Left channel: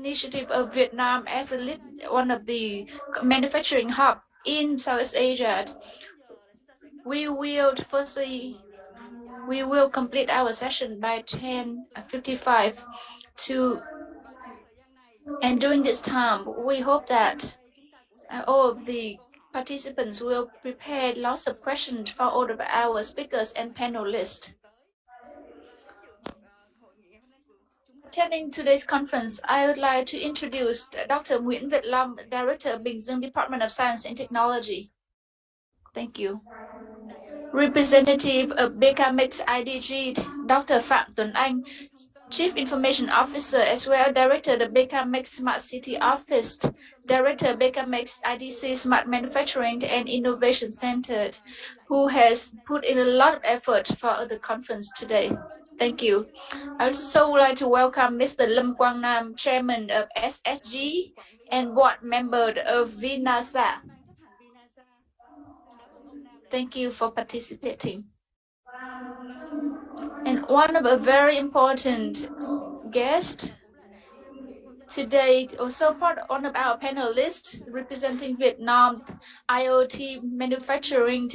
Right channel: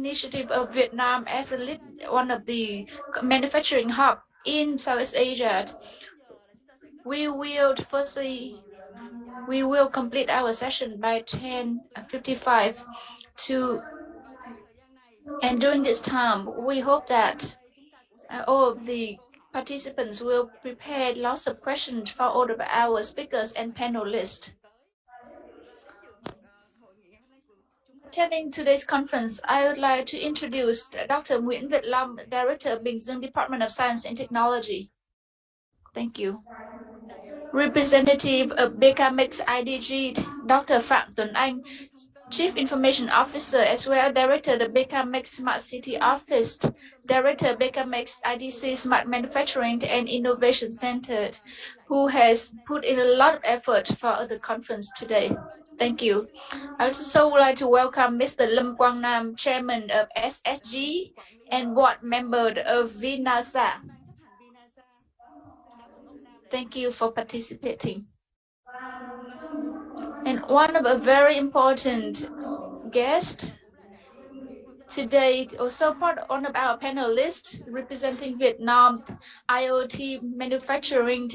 initiative of Vietnam as one of the manufacturing hub in Southeast Asia. We will complete our session by 10:55 and during this time we hope that all of the participants will prepare lots of questions for all of our speakers and panelists. Attending today's conference, I would like to introduce Dr. Nguyễn Việt Long, Director of Bình Dương Department of Science and Technology. Thank you. Representative of BKMX IDG, Dr. Phạm Tuấn Anh, Chief Information Officer as well, Director of the BKMX Smart City Office, Director of BKMX IDC Smart Manufacturing and Innovation Center, who has put in a lot of effort for the conference today. Thank you. I also would like to welcome Mr. Lâm Quang Nam, Chairman of SSG and Board Member of VNASA. Thank you for participating. And one of a very important guest today, also one of our panelists representing Vietnam IoT manufacturing,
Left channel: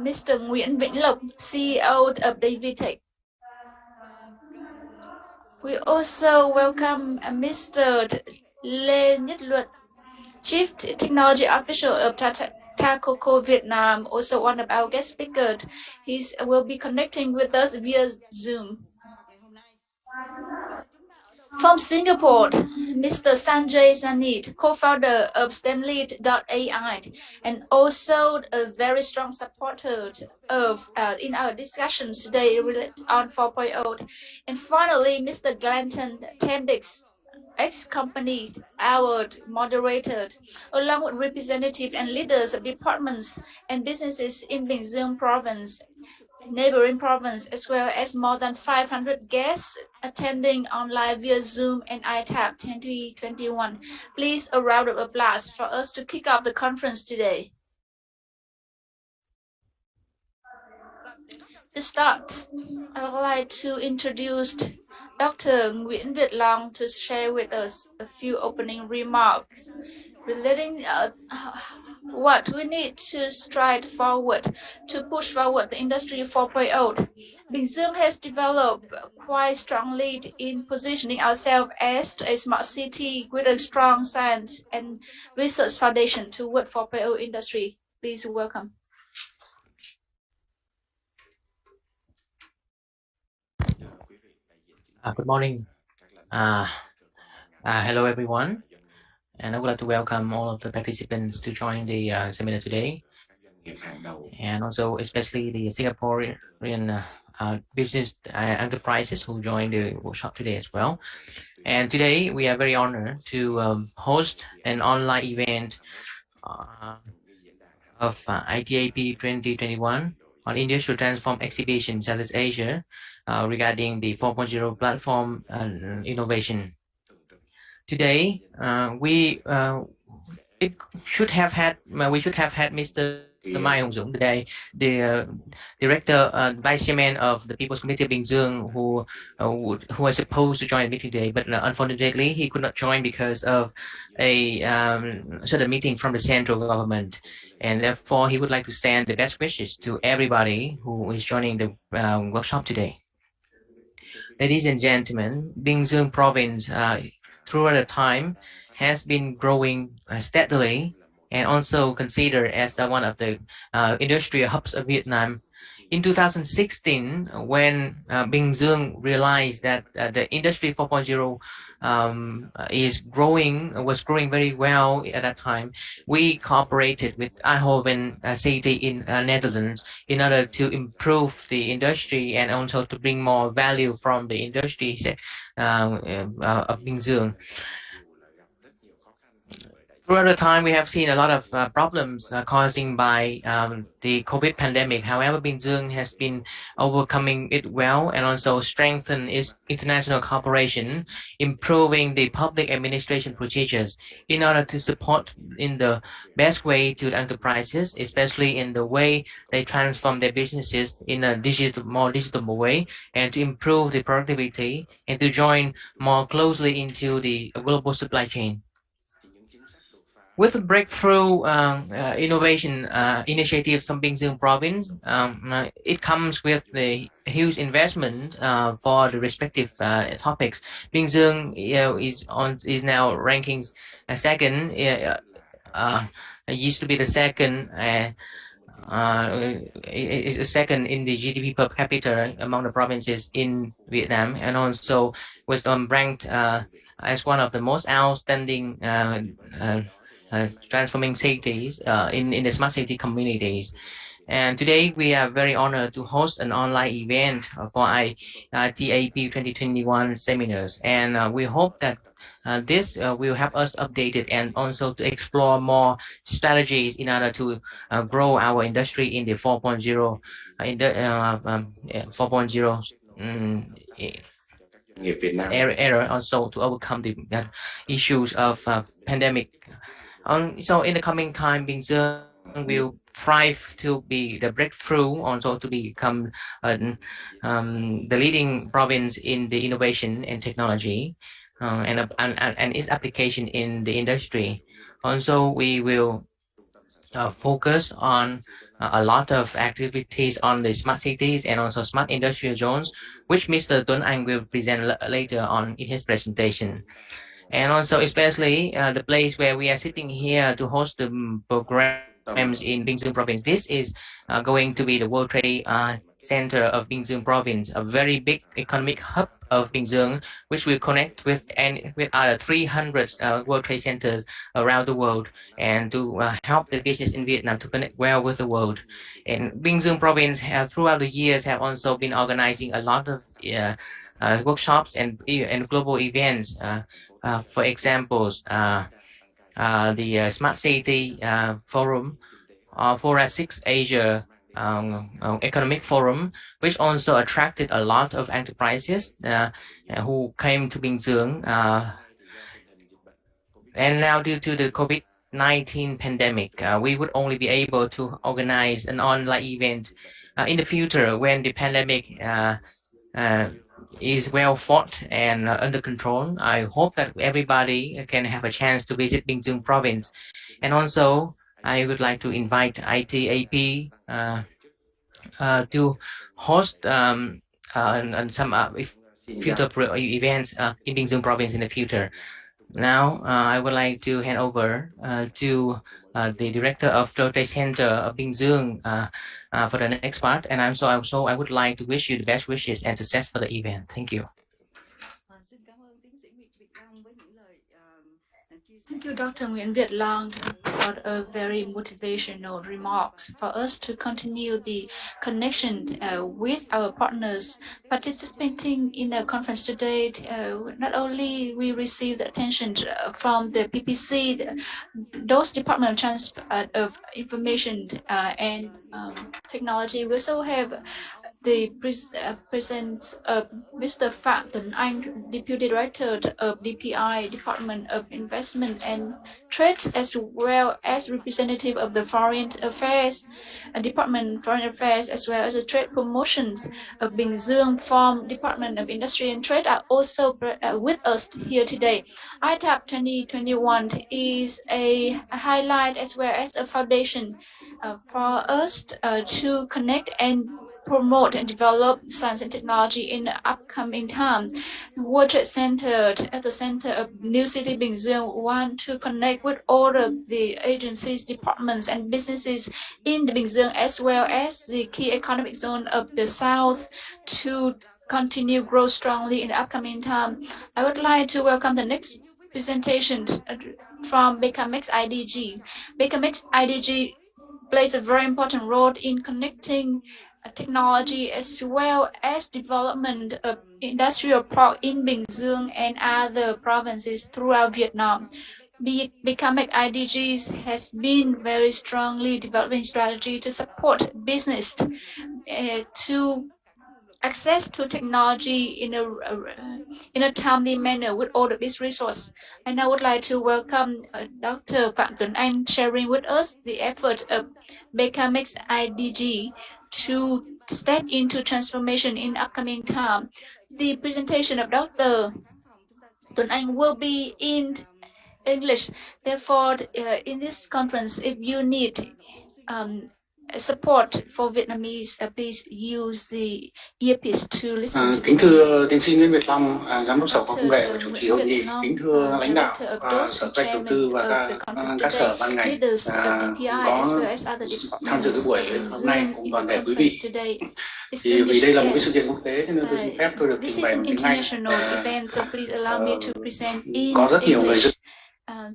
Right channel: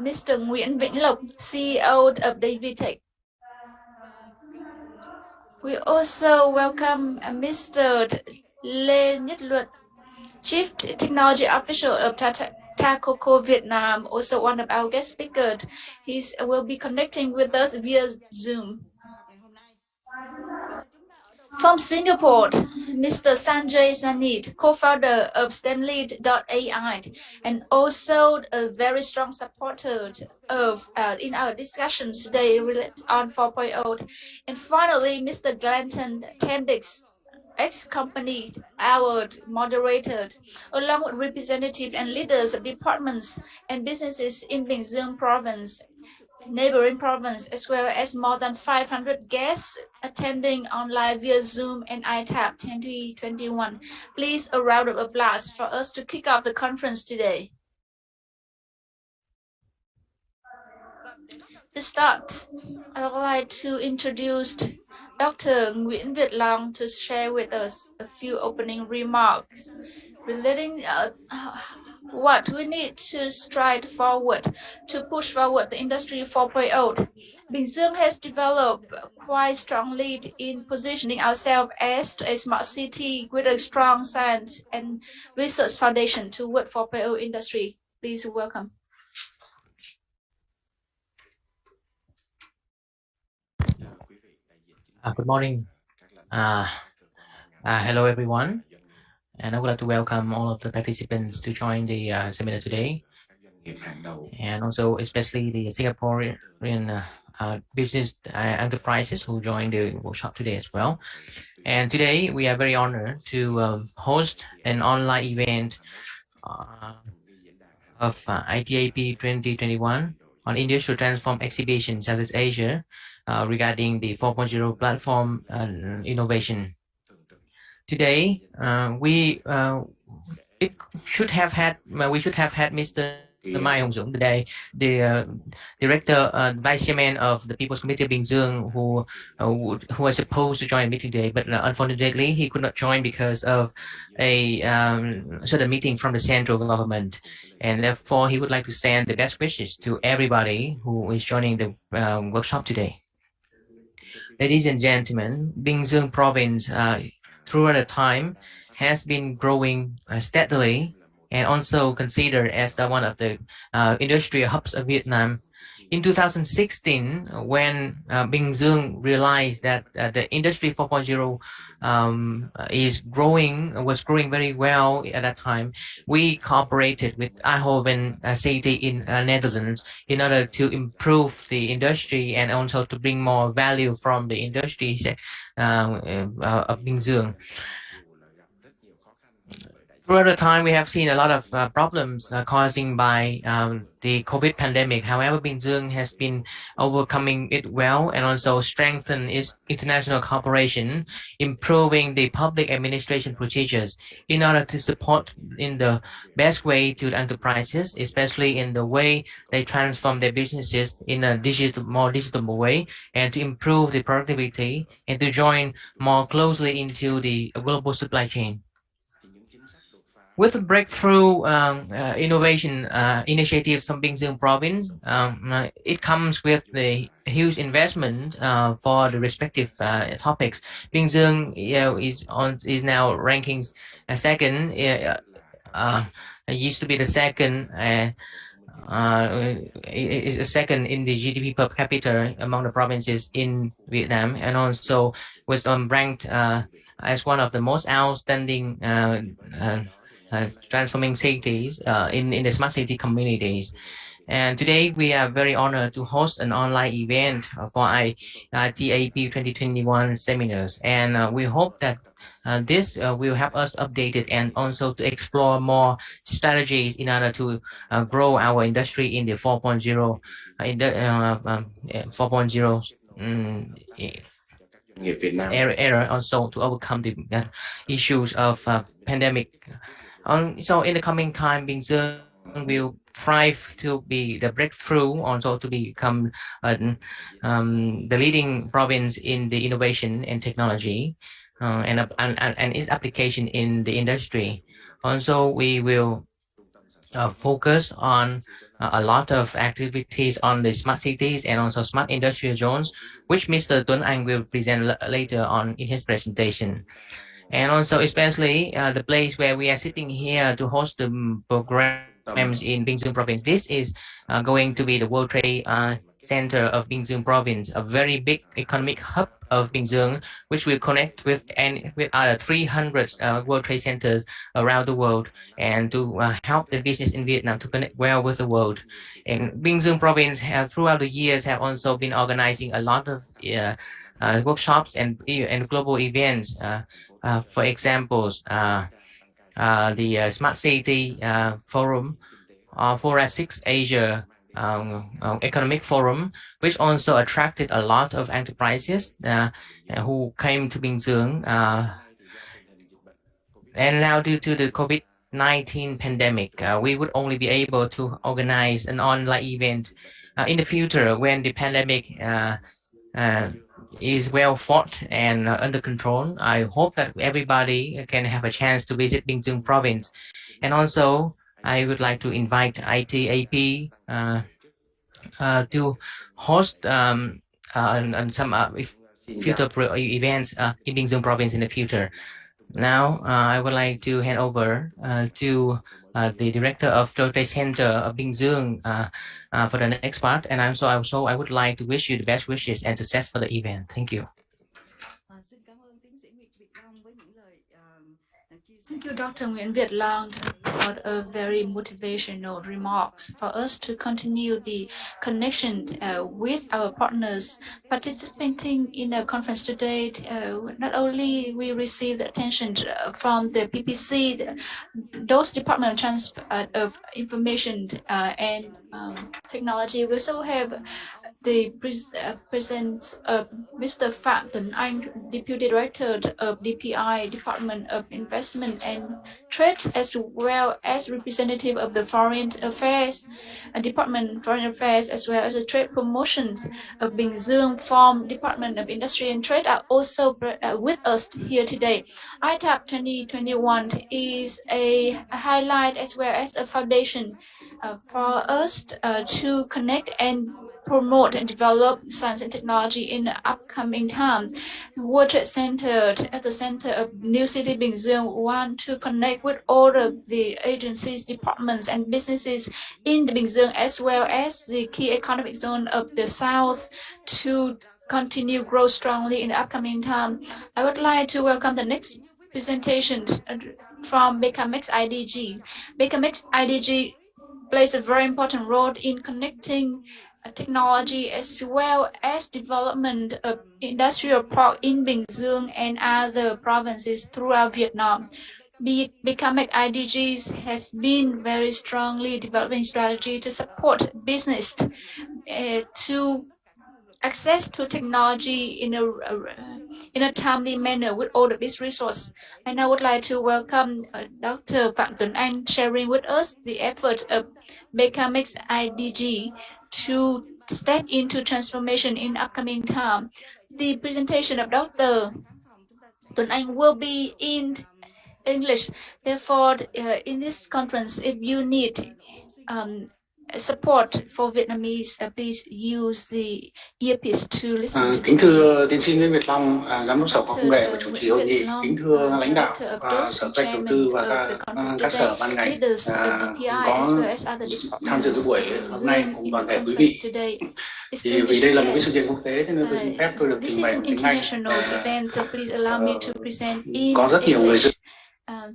Mr. Nguyễn Vĩnh Lộc, CEO of Davitech. We also welcome Mr. Lê Nhất Luật, Chief Technology Officer of Tata Coco Vietnam, also one of our guest speakers. He will be connecting with us via Zoom. From Singapore, Mr. Sanjay Sanit, co-founder of STEMlead.ai, and also a very strong supporter of in our discussions today on 4.0. And finally, Mr. Glanton Tendix, ex-company, our moderator, along with representatives and leaders of departments and businesses in Bình Dương province, neighboring province, as well as more than 500 guests attending online via Zoom and ITAP 2021. Please a round of applause for us to kick off the conference today. To start, I would like to introduce Dr. Nguyễn Việt Long to share with us a few opening remarks relating what we need to stride forward to push forward the Industry 4.0. Bình Dương has developed quite strongly in positioning ourselves as a smart city with a strong science and research foundation toward 4.0 industry. Please welcome. Good morning. Hello, everyone. And I would like to welcome all of the participants to join the seminar today. And also especially the Singaporean business enterprises who joined the workshop today as well. And today we are very honored to host an online event of ITAP 2021 on Industrial Transform Exhibition Southeast Asia regarding the 4.0 platform innovation. Today, we should have had Mr. Mai Hong Dũng today, the director, vice chairman of the People's Committee of Bình Dương, who was supposed to join the meeting today, but unfortunately he could not join because of a certain meeting from the central government, and therefore he would like to send the best wishes to everybody who is joining the workshop today. Ladies and gentlemen, Bình Dương province throughout the time has been growing steadily and also considered as one of the industrial hubs of Vietnam. In 2016, when Bình Dương realized that the Industry 4.0 was growing very well at that time, we cooperated with Eindhoven city in Netherlands in order to improve the industry and also to bring more value from the industry of Bình Dương. Throughout the time, we have seen a lot of problems causing by the COVID pandemic. However, Binzung has been overcoming it well and also strengthen its international cooperation, improving the public administration procedures in order to support in the best way to the enterprises, especially in the way they transform their businesses in a more digital way, and to improve the productivity and to join more closely into the global supply chain. With the breakthrough innovation initiatives from Bingzhou province, it comes with the huge investment for the respective topics. Bingzhou, is now ranking second. Uh, it used to be the second. Is second in the GDP per capita among the provinces in Vietnam, and also was ranked as one of the most outstanding uh, transforming cities in the smart city communities. And today we are very honored to host an online event for ITAP 2021 seminars. And we hope that this will help us update it and also to explore more strategies in order to grow our industry in the 4.0 4.0 era, also to overcome the issues of pandemic. So in the coming time, Bingzheng will thrive to be the breakthrough, also to become the leading province in the innovation and technology and its application in the industry. Also, we will focus on a lot of activities on the smart cities and also smart industrial zones, which Mr. Tuấn Anh will present later on in his presentation. And also especially the place where we are sitting here to host the programs in Binh Duong province. This is going to be the World Trade Center of Binh Duong province, a very big economic hub of Binh Duong, which will connect with other 300 World Trade Centers around the world, and to help the business in Vietnam to connect well with the world. And Binh Duong province have throughout the years have also been organizing a lot of workshops and global events. For examples, the Smart City Forum, Fora 6 Asia Economic Forum, which also attracted a lot of enterprises who came to Bình Dương. And now, due to the COVID-19 pandemic, we would only be able to organize an online event in the future when the pandemic uh, is well fought and under control. I hope that everybody can have a chance to visit Binh Duong province. And also, I would like to invite ITAP to host and some future events in Binh Duong province in the future. Now, I would like to hand over to the director of the Trade Center of Binh Duong for the next part. And also, I would like to wish you the best wishes and success for the event. Thank you. Thank you, Dr. Nguyen Viet Long, for a very motivational remarks for us to continue the connection with our partners participating in the conference today. Not only we receive the attention from the PPC, those Department of of Information and Technology, we also have the presence of Mr. Phạm Tuấn Anh, Deputy Director of DPI, Department of Investment and Trade, as well as representative of the Foreign Affairs Department of Foreign Affairs, as well as the Trade Promotions of Bình Dương from Department of Industry and Trade are also with us here today. ITAP 2021 is a highlight as well as a foundation for us to connect and promote and develop science and technology in the upcoming time. World Trade Center at the center of New City Bình Dương want to connect with all of the agencies, departments, and businesses in the Bình Dương, as well as the key economic zone of the south, to continue grow strongly in the upcoming time. I would like to welcome the next presentation from Becamex IDG. Becamex IDG plays a very important role in connecting technology as well as development of industrial park in Bình Dương and other provinces throughout Vietnam. Becoming IDGs has been very strongly developing strategy to support business to access to technology in a timely manner with all the business resources. And I would like to welcome Dr. Phạm Tuấn Anh sharing with us the effort of Becamix IDG to step into transformation in upcoming time. The presentation of Dr. Tuấn Anh will be in English. Therefore, in this conference, if you need um, support for Vietnamese, please use the earpiece to listen to Kính Vietnamese. thưa tiến sĩ Nguyễn Việt Long, Giám đốc Sở Khoa học Công nghệ và chủ trì hội nghị. Kính thưa lãnh đạo Sở Kế hoạch Đầu tư và các sở ban ngành có tham dự buổi hôm nay cùng toàn thể quý vị. Thì vì đây là một cái sự kiện quốc tế cho nên tôi xin phép tôi được trình bày bằng tiếng Anh. Có rất nhiều người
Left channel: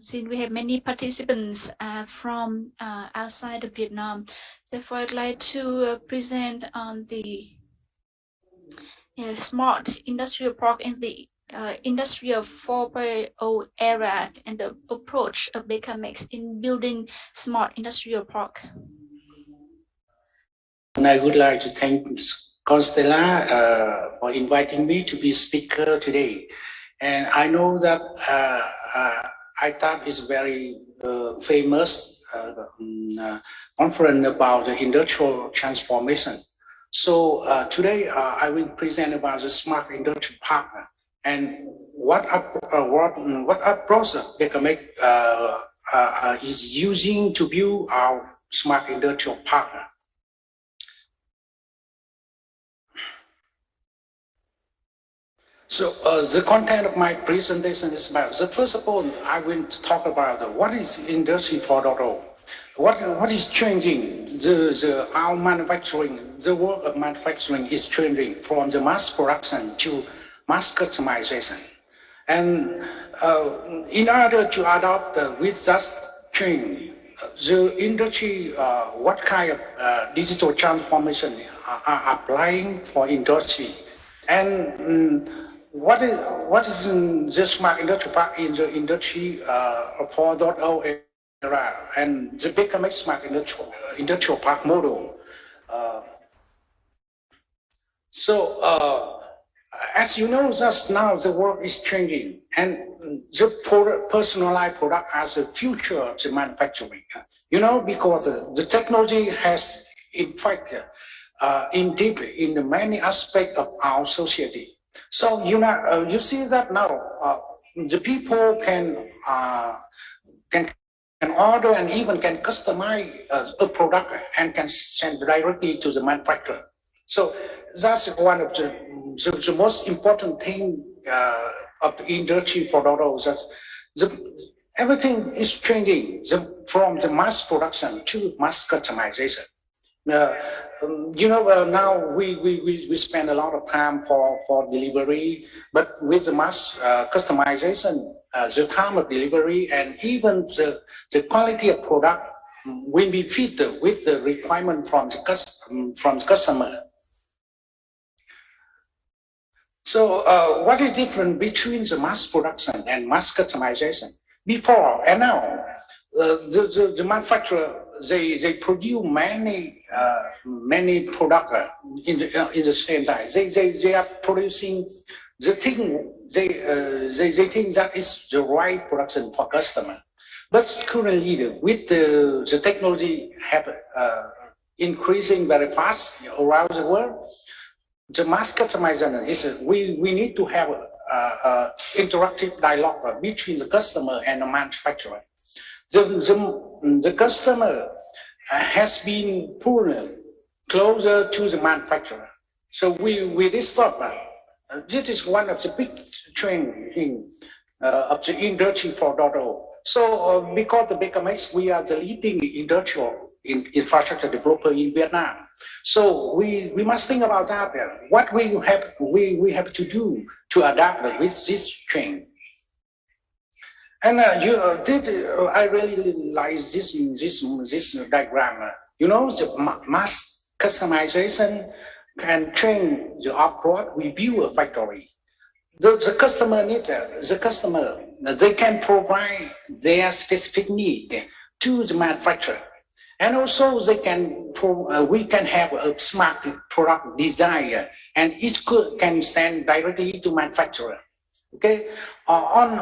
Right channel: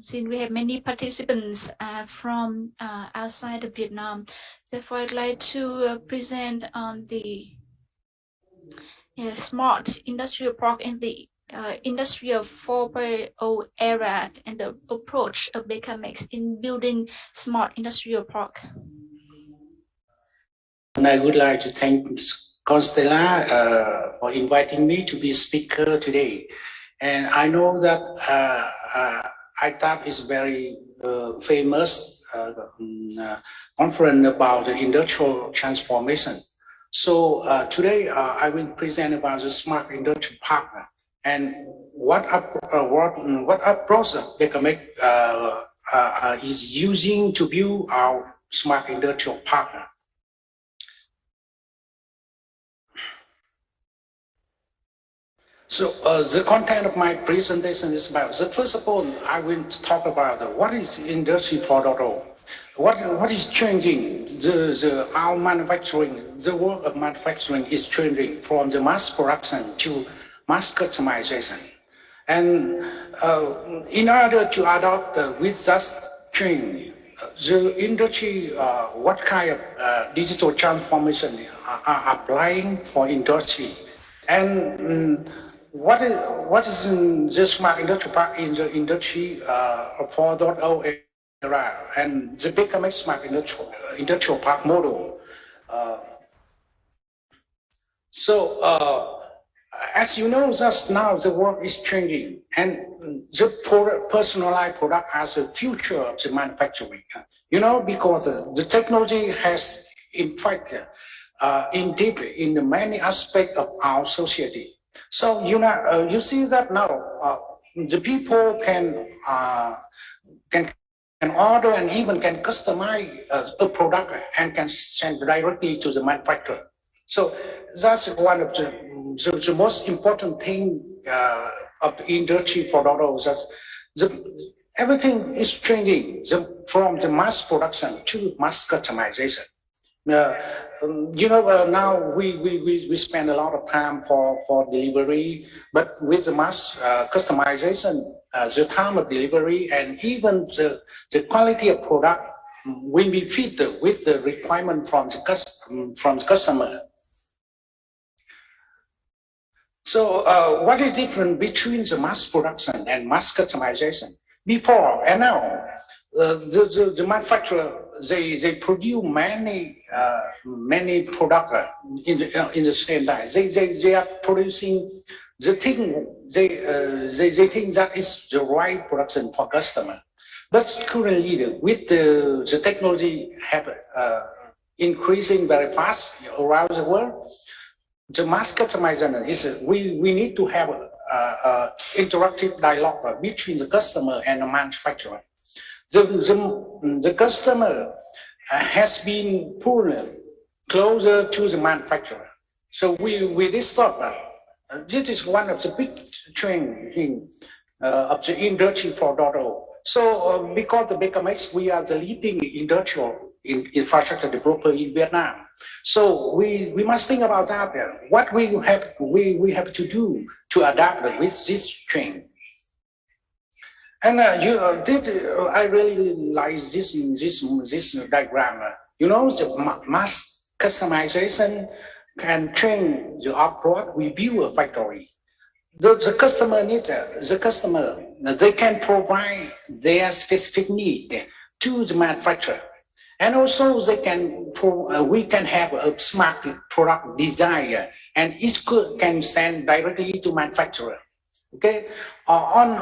since we have many participants from outside of Vietnam, therefore I'd like to present on the smart industrial park in the industrial 4.0 era and the approach of Becamix in building smart industrial park. And I would like to thank Constella for inviting me to be a speaker today. And I know that ITAP is very famous conference about the industrial transformation. So today I will present about the smart industrial partner and what approach Becamix is using to build our smart industrial partner. So the content of my presentation is about, first of all, I will talk about what is Industry 4.0. What is changing? Our manufacturing, the work of manufacturing is changing from the mass production to mass customization. And in order to adopt with that change, the industry, what kind of digital transformation are applying for industry? And what is in the smart industrial park in the industry 4.0 era and the Becamix smart industrial park model? As you know, just now the world is changing, and the personalized product as the future of the manufacturing. You know, because the technology has, in fact, in deep in many aspects of our society. So you see that now the people can order and even can customize a product and can send directly to the manufacturer. So that's one of the most important thing of the industry 4.0. That everything is changing from the mass production to mass customization. Now we spend a lot of time for delivery, but with the mass customization, the time of delivery and even the quality of product will be fit with the requirement from the customer. So what is different between the mass production and mass customization? Before and now, the manufacturer they produce many products in the same time. They are producing the thing they think that is the right production for customer. But currently, with the technology have increasing very fast around the world, the mass customization is we need to have a interactive dialogue between the customer and the manufacturer. The customer has been pulled closer to the manufacturer. So with this stop, this is one of the big trends of the industry 4.0. So because the Becamix, we are the leading industrial infrastructure developer in Vietnam. So we must think about that. What we have to do to adapt with this trend. And I really like this diagram. You know, the mass customization can change the approach. We build a factory. the customer needs, the customer, they can provide their specific need to the manufacturer. And also they can, we can have a smart product design, and each can send directly to manufacturer. Okay. On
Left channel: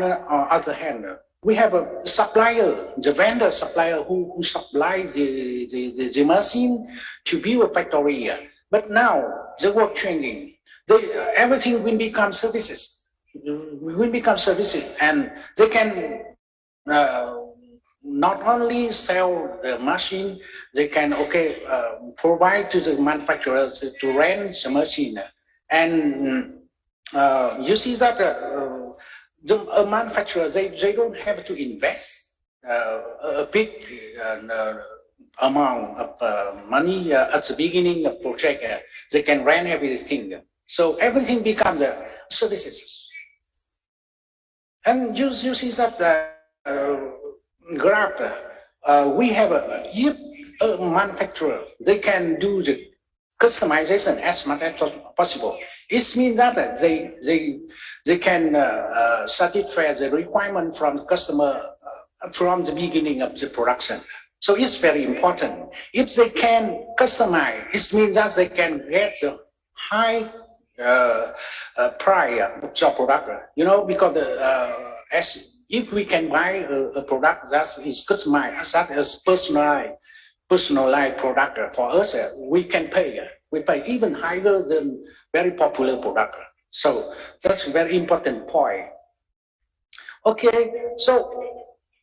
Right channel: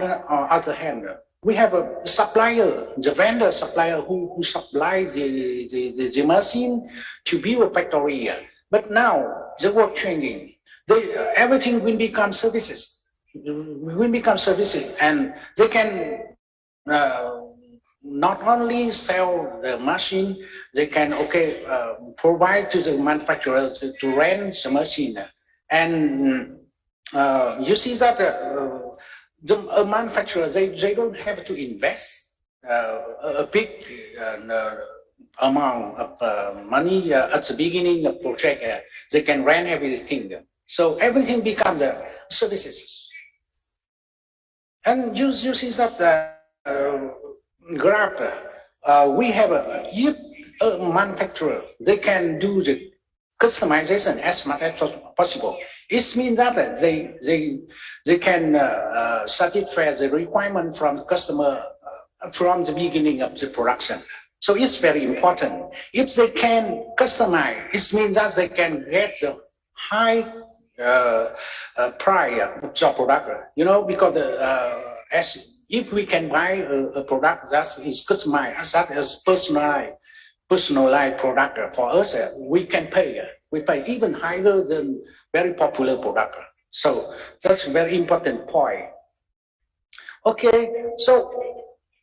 the other hand, we have a supplier, the vendor supplier who supplies the machine to build a factory. But now the work changing. Everything will become services. Will become services, and they can not only sell the machine, they can provide to the manufacturer to rent the machine. And you see that the manufacturer, they don't have to invest a big amount of money at the beginning of project. They can rent everything. So everything becomes services. And you see that graph, we have if a manufacturer, they can do the customization as much as possible. It means that they can satisfy the requirement from the customer from the beginning of the production. So it's very important. If they can customize, it means that they can get the high price of the product. You know, because as if we can buy a product that is customized, that is personalized product for us, we can pay. We pay even higher than very popular product. So that's a very important point. Okay, so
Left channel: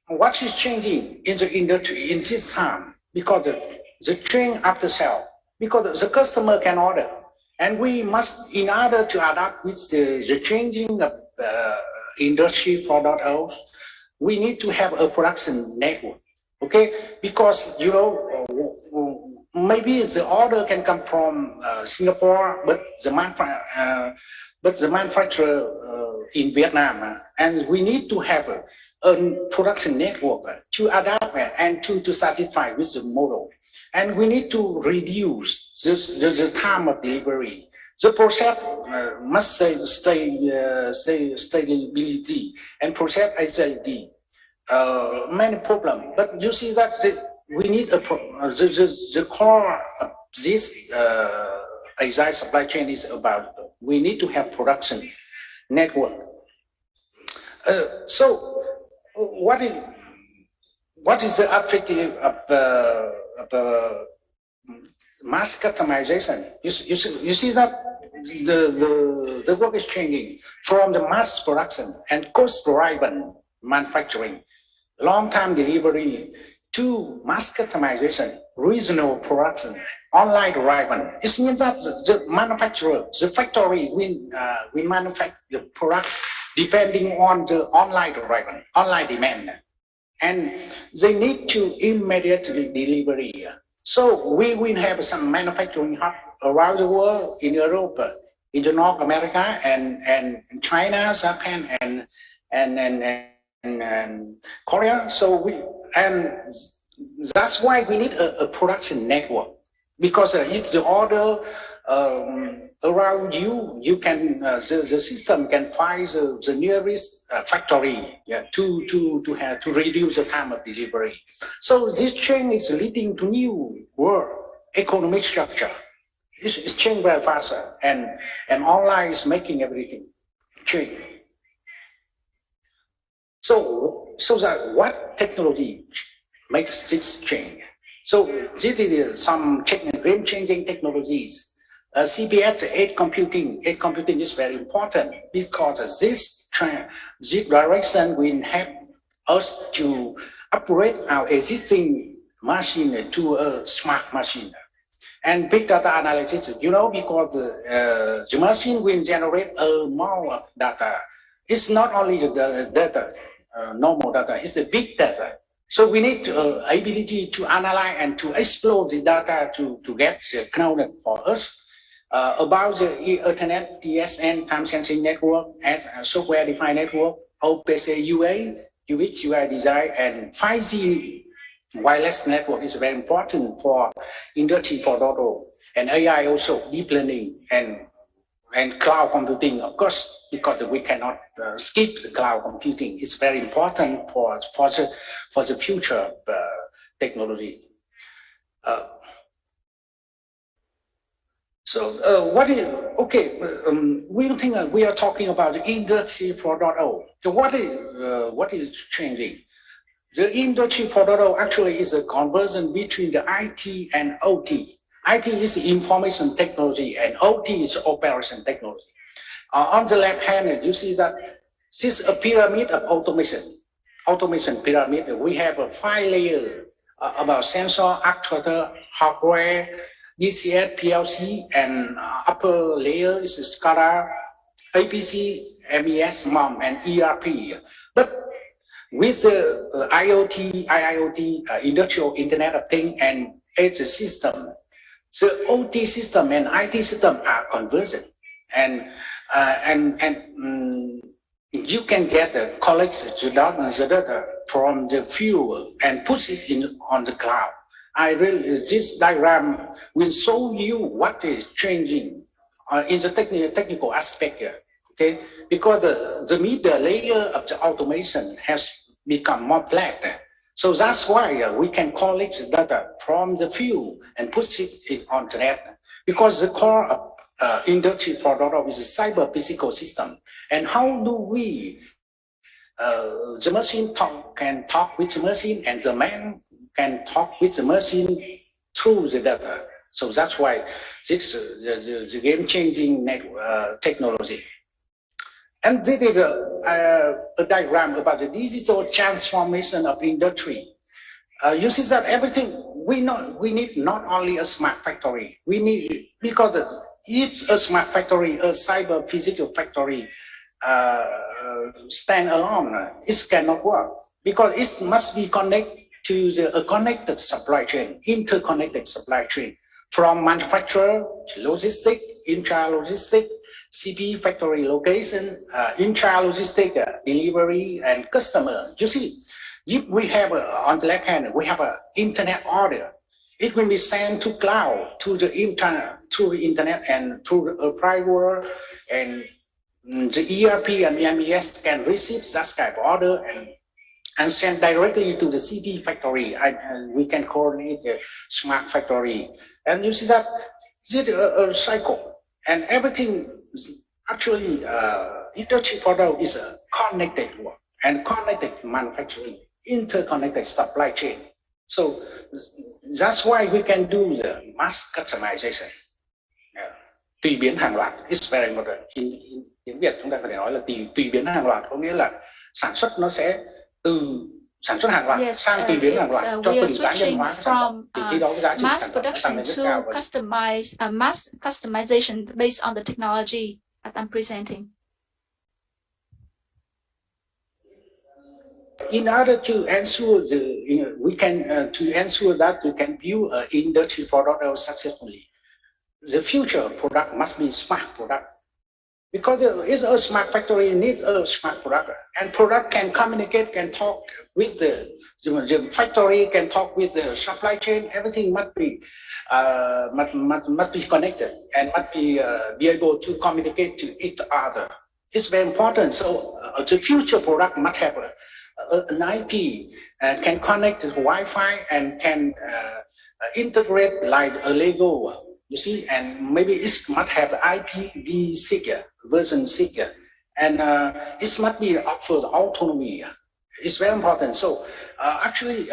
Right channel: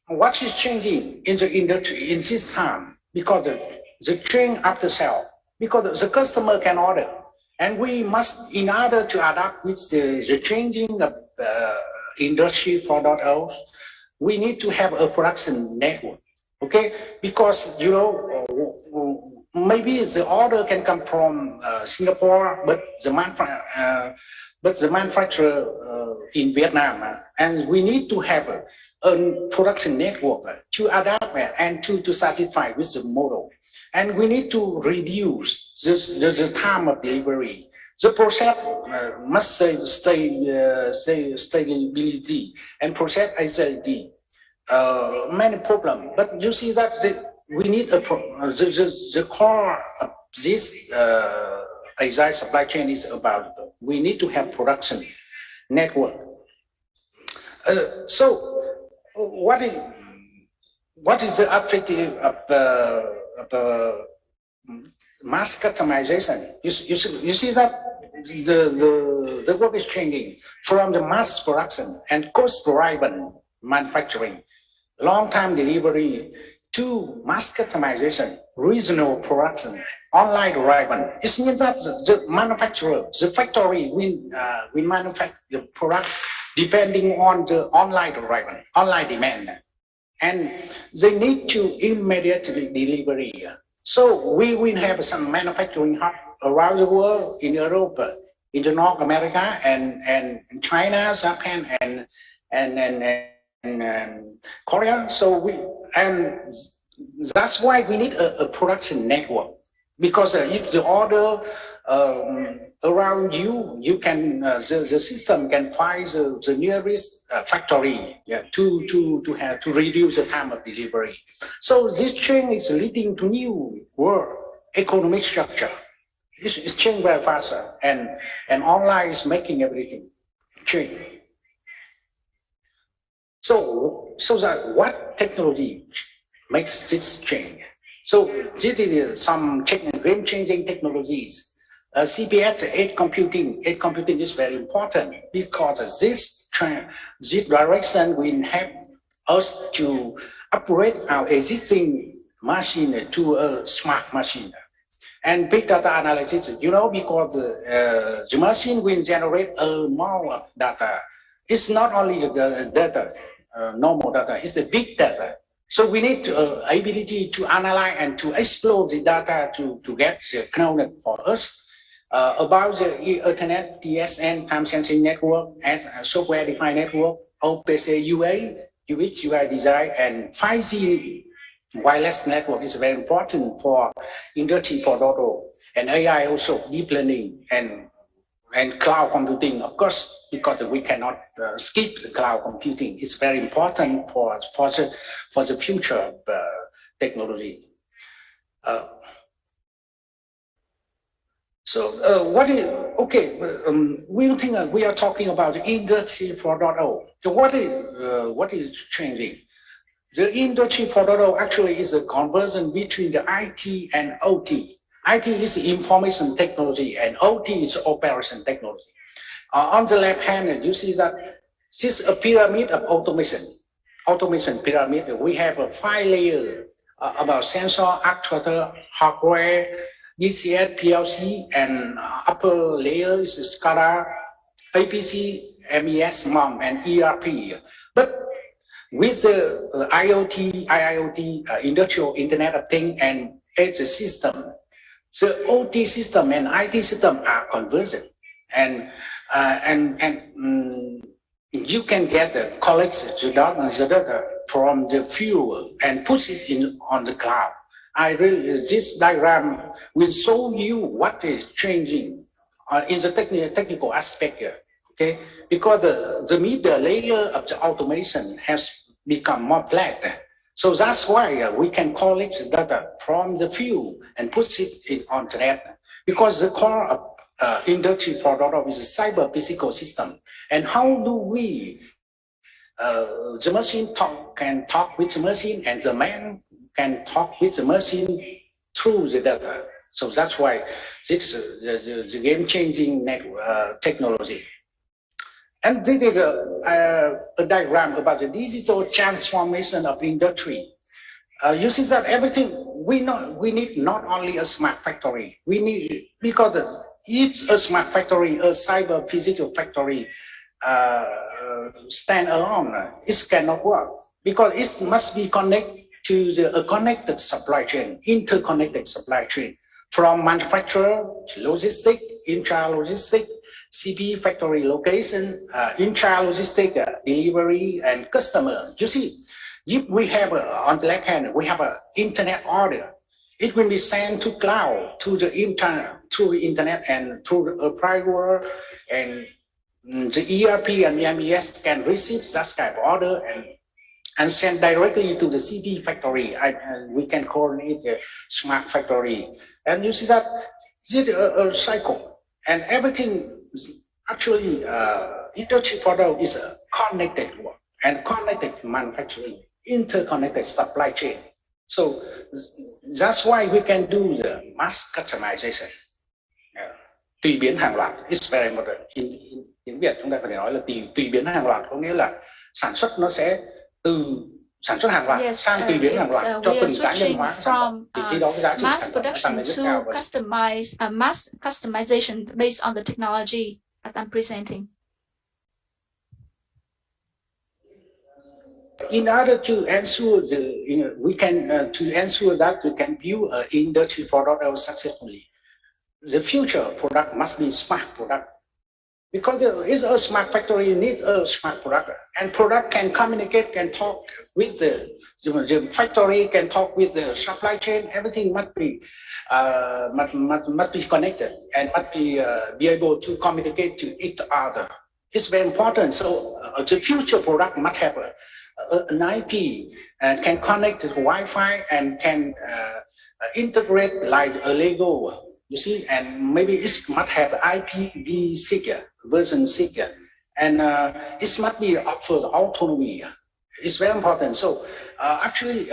what is changing in the industry in this time? Because the trend after sale, because the customer can order, and we must, in order to adapt with the changing of industry 4.0, we need to have a production network. Okay, because you know maybe the order can come from Singapore, but the manufacturer in Vietnam, and we need to have a production network to adapt and to satisfy with the model. And we need to reduce the time of delivery. The process must stability and process agility. Many problems, but you see that we need the core of this agile supply chain is about we need to have production network. So what is the objective of mass customization? You see that the work is changing from the mass production and cost-driven manufacturing, long-time delivery, to mass customization, regional production, online driven. It means that the manufacturer, the factory, we manufacture the product depending on the online driven, online demand, and they need to immediately delivery. So we will have some manufacturing hub around the world, in Europe, in North America, and China, Japan, and Korea. So that's why we need a production network, because if the order around you can the system can find the nearest factory, to reduce the time of delivery. So this change is leading to new world economic structure. It's changing very fast, and online is making everything change. So that what technology makes this change? So this is some game-changing technologies. CPS 8 computing is very important, because this direction will help us to upgrade our existing machine to a smart machine. And big data analysis, you know, because the machine will generate a more of data. It's not only the data, normal data, it's the big data. So we need ability to analyze and to explore the data to get the knowledge for us about the Ethernet, TSN, time sensing network, and software-defined network, OPC UA, UX, UI design, and 5G wireless network is very important for Industry 4.0, and AI also, deep learning, and And cloud computing, of course, because we cannot skip the cloud computing. It's very important for the future technology. What is, okay, we think we are talking about the Industry 4.0. So what is changing? The Industry 4.0 actually is a conversion between the IT and OT. IT is information technology and OT is operation technology. On the left hand, you see that this is a pyramid of automation pyramid. We have a 5 layer about sensor, actuator, hardware, DCS, PLC, and upper layer is SCADA, APC, MES, MOM, and ERP. But with the IIoT, Industrial Internet of Things, and Edge system, the OT system and IT system are convergent, and you can get the collect the data from the fuel and push it in on the cloud. This diagram will show you what is changing in the technical aspect here. Okay, because the middle layer of the automation has become more flat. So that's why we can collect the data from the fuel and push it on the net. Because the core of Industry 4.0 is a cyber physical system. And how do we, the machine can talk with the machine, and the man can talk with the machine through the data. So that's why this is the game-changing technology. And this is a diagram about the digital transformation of industry. You see that everything we need not only a smart factory. We need, because if a smart factory, a cyber physical factory stand alone, it cannot work, because it must be connected to a connected supply chain, interconnected supply chain, from manufacturer to logistic, intra-logistic, CP factory location, intra-logistic, delivery, and customer. You see, if we have on the left hand, we have an internet order. It will be sent to cloud, to the internet, through the internet, and through a private, and the ERP and MES can receive that type of order and send directly to the CP factory. We can coordinate the smart factory. And you see that it's a cycle, and everything actually Industry 4.0 is a connected work and connected manufacturing, interconnected supply chain. So that's why we can do the mass customization. Tùy biến hàng loạt, it's very important. Tiếng Việt chúng ta có thể nói là tùy biến hàng loạt, có nghĩa là sản xuất nó sẽ từ sản xuất hàng loạt sang tùy biến hàng loạt cho từng cá nhân hóa sản phẩm. Thì khi đó cái giá trị mass sản phẩm production to mass customization based on the technology that I'm presenting. In order to ensure to ensure that we can build an Industry 4.0 successfully, the future product must be smart product. Because it's a smart factory, you need a smart product, and product can communicate, can talk with the factory, can talk with the supply chain. Everything must be connected and must be able to communicate to each other. It's very important. So the future product must have an IP, can connect to Wi-Fi, and can integrate like a Lego. You see, and maybe it must have IPv6 version 6, and it must be offered autonomy. It's very important. So actually,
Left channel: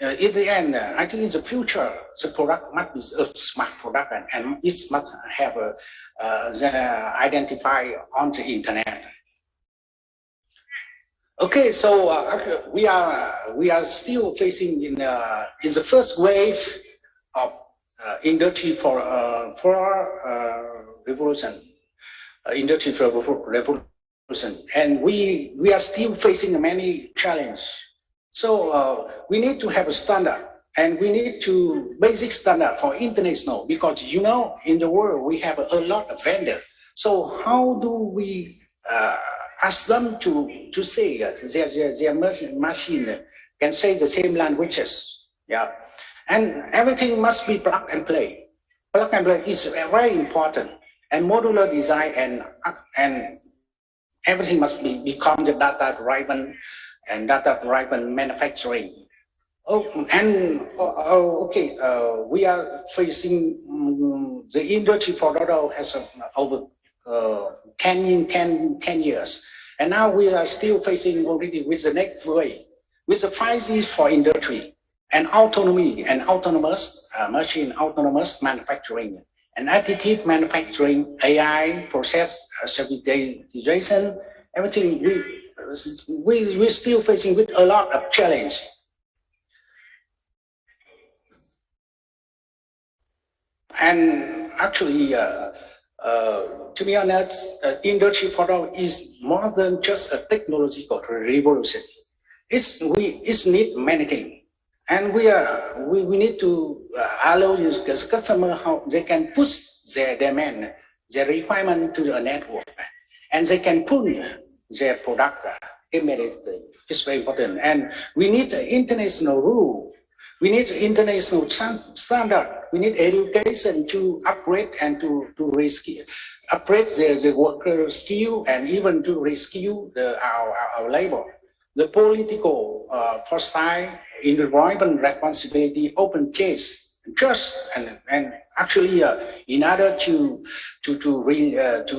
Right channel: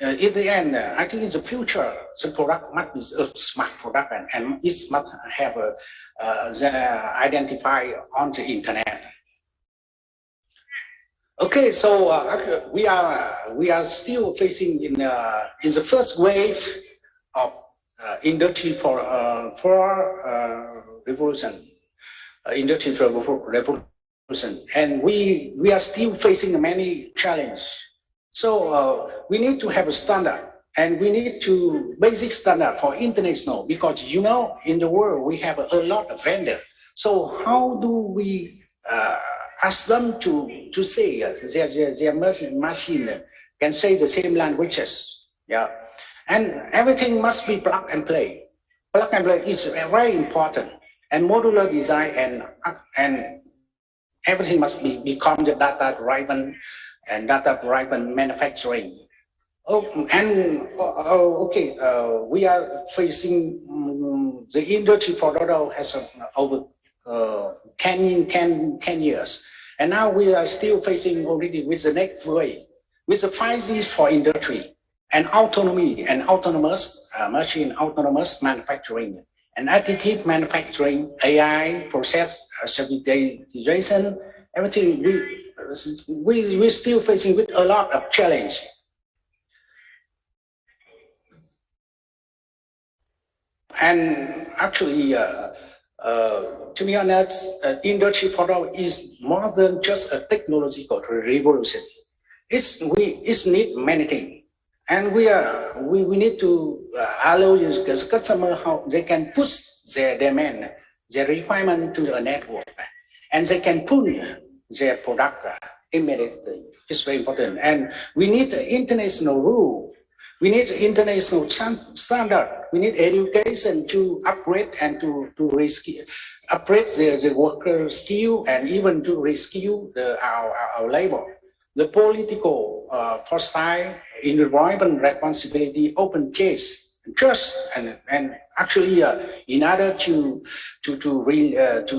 in the end, I think in the future, the product must be a smart product, and it must have identified on the internet. Okay, so we are still facing in the first wave of Industry 4.0 revolution, Industry 4.0 revolution, and we are still facing many challenges. So we need to have a standard, and we need to basic standard for international, because in the world we have a lot of vendors. So how do we ask them to say their machine can say the same languages? Yeah. And everything must be plug and play. Plug and play is very important. and modular design, and everything must become the data-driven and data-driven manufacturing. Okay, we are facing the industry for auto has over 10 years, and now we are still facing already with the next wave, with the 5G for industry, and autonomy and autonomous machine, autonomous manufacturing, and additive manufacturing, AI, process servitization, everything. We're still facing with a lot of challenge. And actually, to be honest, Industry 4.0 is more than just a technological revolution. It's need many things, and we need to allow the customer how they can push their demand, their requirement to the network, and they can pull their product immediately. It's very important, and we need the international rule. We need international standard. We need education to upgrade and to reskill, upgrade the worker skill, and even to reskill our labor. The political foresight, environment responsibility, open case, just and actually, in order to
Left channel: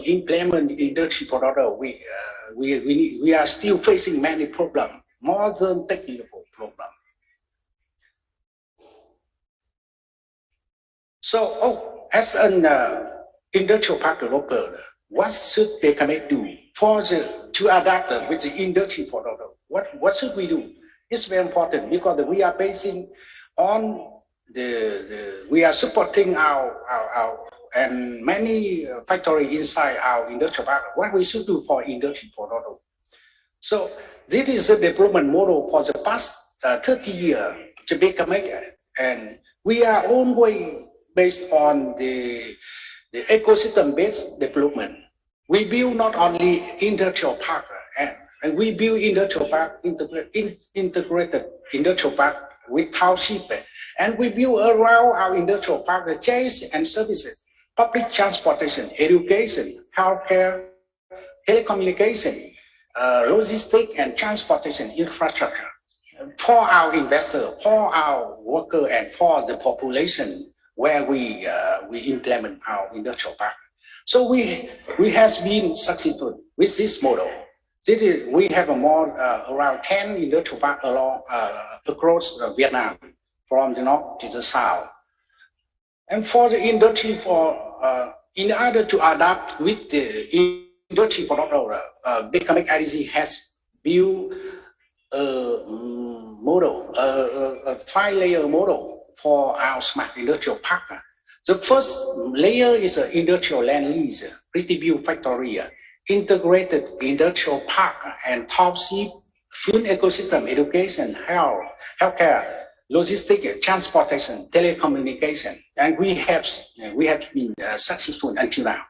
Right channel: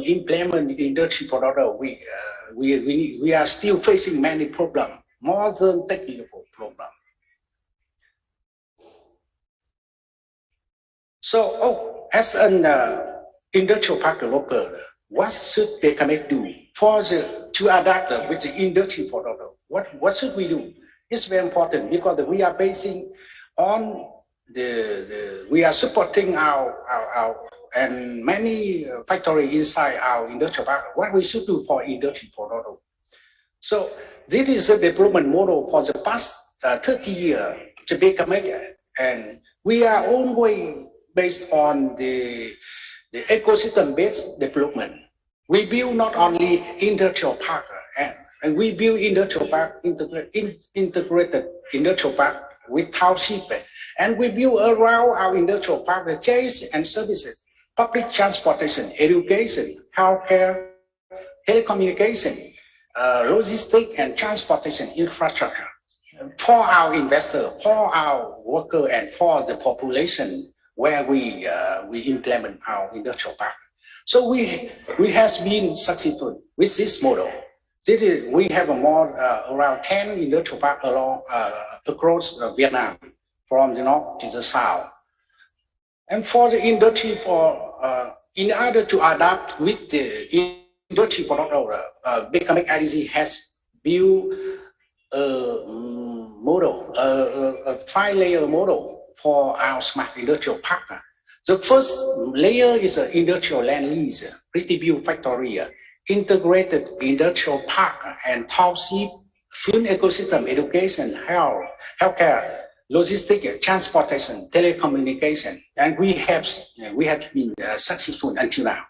implement the Industry 4.0, we are still facing many problems, more than technical problems. So, as an industrial park developer, what should BKMX do to adapt with the Industry 4.0? What should we do? It's very important because we are basing on we are supporting our and many factories inside our industrial park. What we should do for Industry 4.0? So this is a development model for the past 30 years to BKMX, and we are always based on the ecosystem-based development. We build not only industrial park, and we build industrial park, integrated industrial park with township, and we build around our industrial park the chains and services, public transportation, education, healthcare, telecommunication, logistics and transportation infrastructure for our investor, for our worker, and for the population where we implement our industrial park. So we has been successful with this model. We have around 10 industrial parks across Vietnam, from the north to the south. And for the industry, in order to adapt with the Industry 4.0, BKMX IDC has built a model, a 5-layer model for our smart industrial park. The first layer is an industrial land lease, retribute factory, integrated industrial park, and township, food ecosystem, education, healthcare, logistics, transportation, telecommunication, and we have been successful until now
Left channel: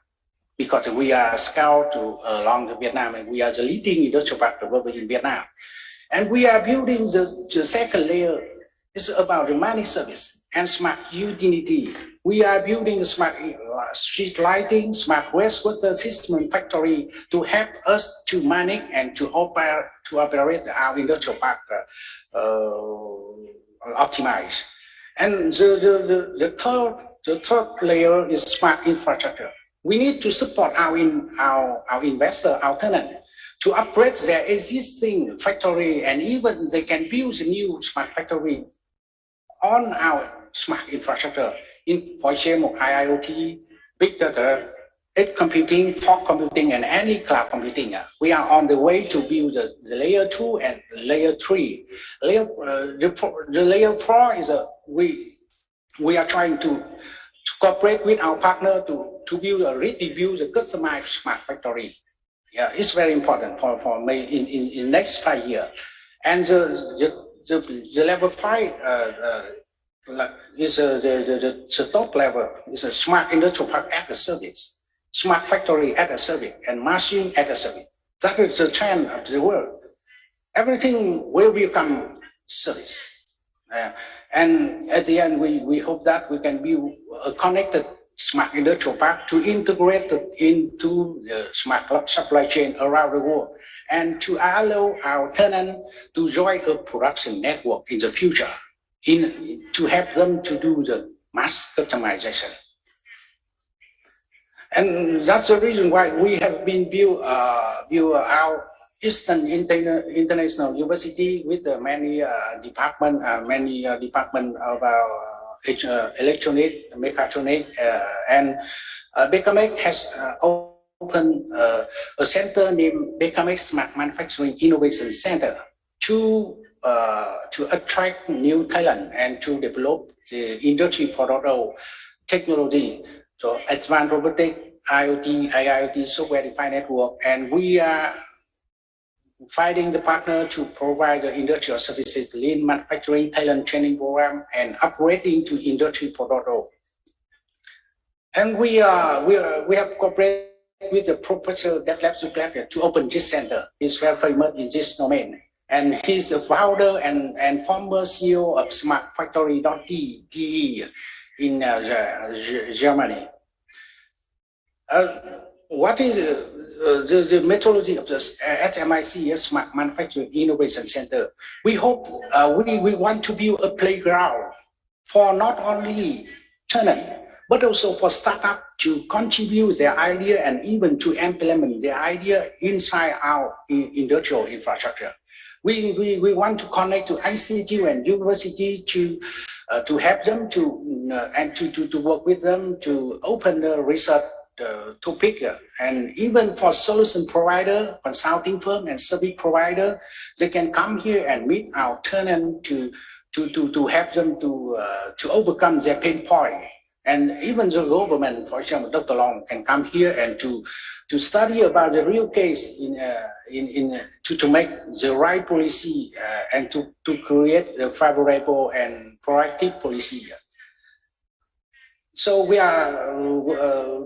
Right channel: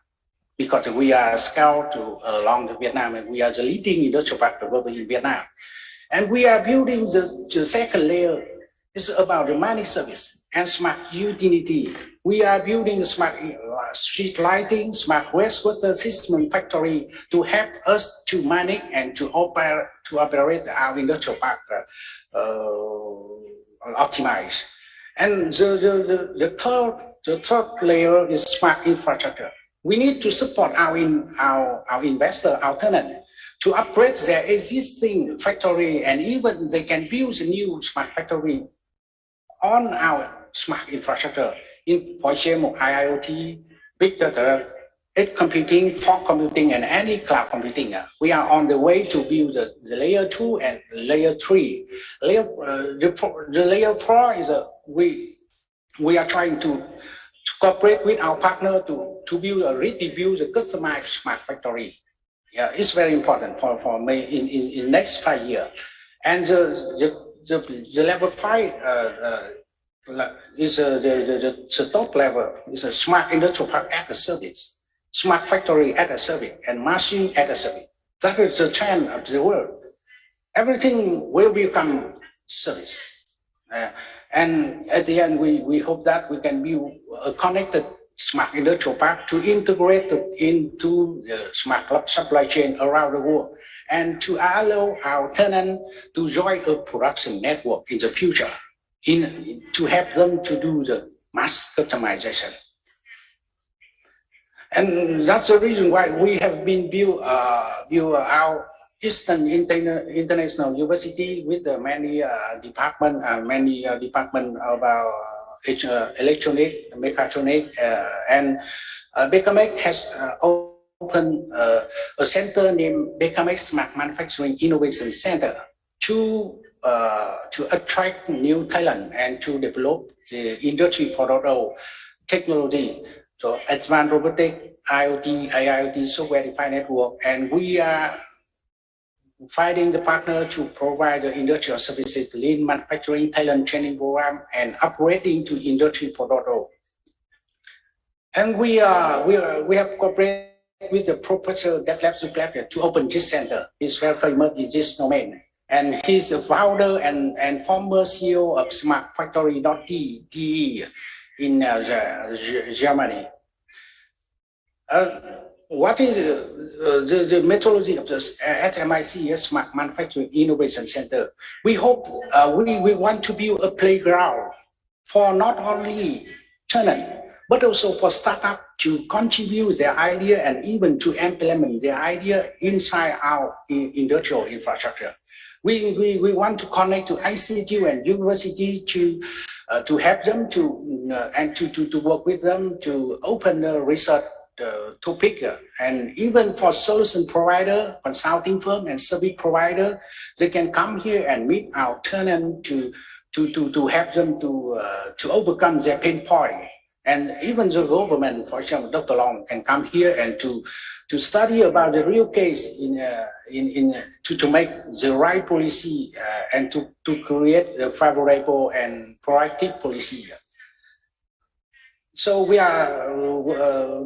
because we are scaled along Vietnam, and we are the leading industrial park developer in Vietnam. And we are building the second layer. It's about the money service and smart utility. We are building smart street lighting, smart wastewater system factory to help us to manage and to operate our industrial park optimize. And the third layer is smart infrastructure. We need to support our investor, our tenant, to upgrade their existing factory, and even they can build a new smart factory on our smart infrastructure, for example, IoT, big data, edge computing, fog computing, and any cloud computing. We are on the way to build the layer 2 and layer 3. The layer 4 is we are trying to cooperate with our partner to build a customized smart factory. Yeah, it's very important for me in next 5 years. And the level 5 is the top level. It's a smart industrial park as a service, smart factory as a service, and machine as a service. That is the trend of the world. Everything will become service. And at the end, we hope that we can build a connected smart industrial park to integrate it into the smart supply chain around the world and to allow our tenants to join a production network in the future to help them to do the mass customization. And that's the reason why we have been built our Eastern International University with many departments about electronic, mechatronic, and Baker has opened a center named Baker Smart Manufacturing Innovation Center to attract new talent and to develop the Industry 4.0 technology. So advanced robotics, IoT, AIoT, software-defined network, and we are finding the partner to provide the industrial services, lean manufacturing, talent training program, and upgrading to Industry 4.0. And we have cooperated with the Professor Detlef Zuckerberg to open this center. He's very famous in this domain. And he's the founder and former CEO of smartfactory.de in Germany. What is the methodology of the SMIC, Smart Manufacturing Innovation Center? We hope we want to build a playground for not only tenants, but also for startups to contribute their idea and even to implement their idea inside our industrial infrastructure. We want to connect to ICT and university to help them to work with them to open the research topic, and even for solution provider, consulting firm, and service provider, they can come here and meet our tenant to help them to overcome their pain point. And even the government, for example, Dr. Long can come here and to study about the real case to make the right policy and to create a favorable and proactive policy. So we are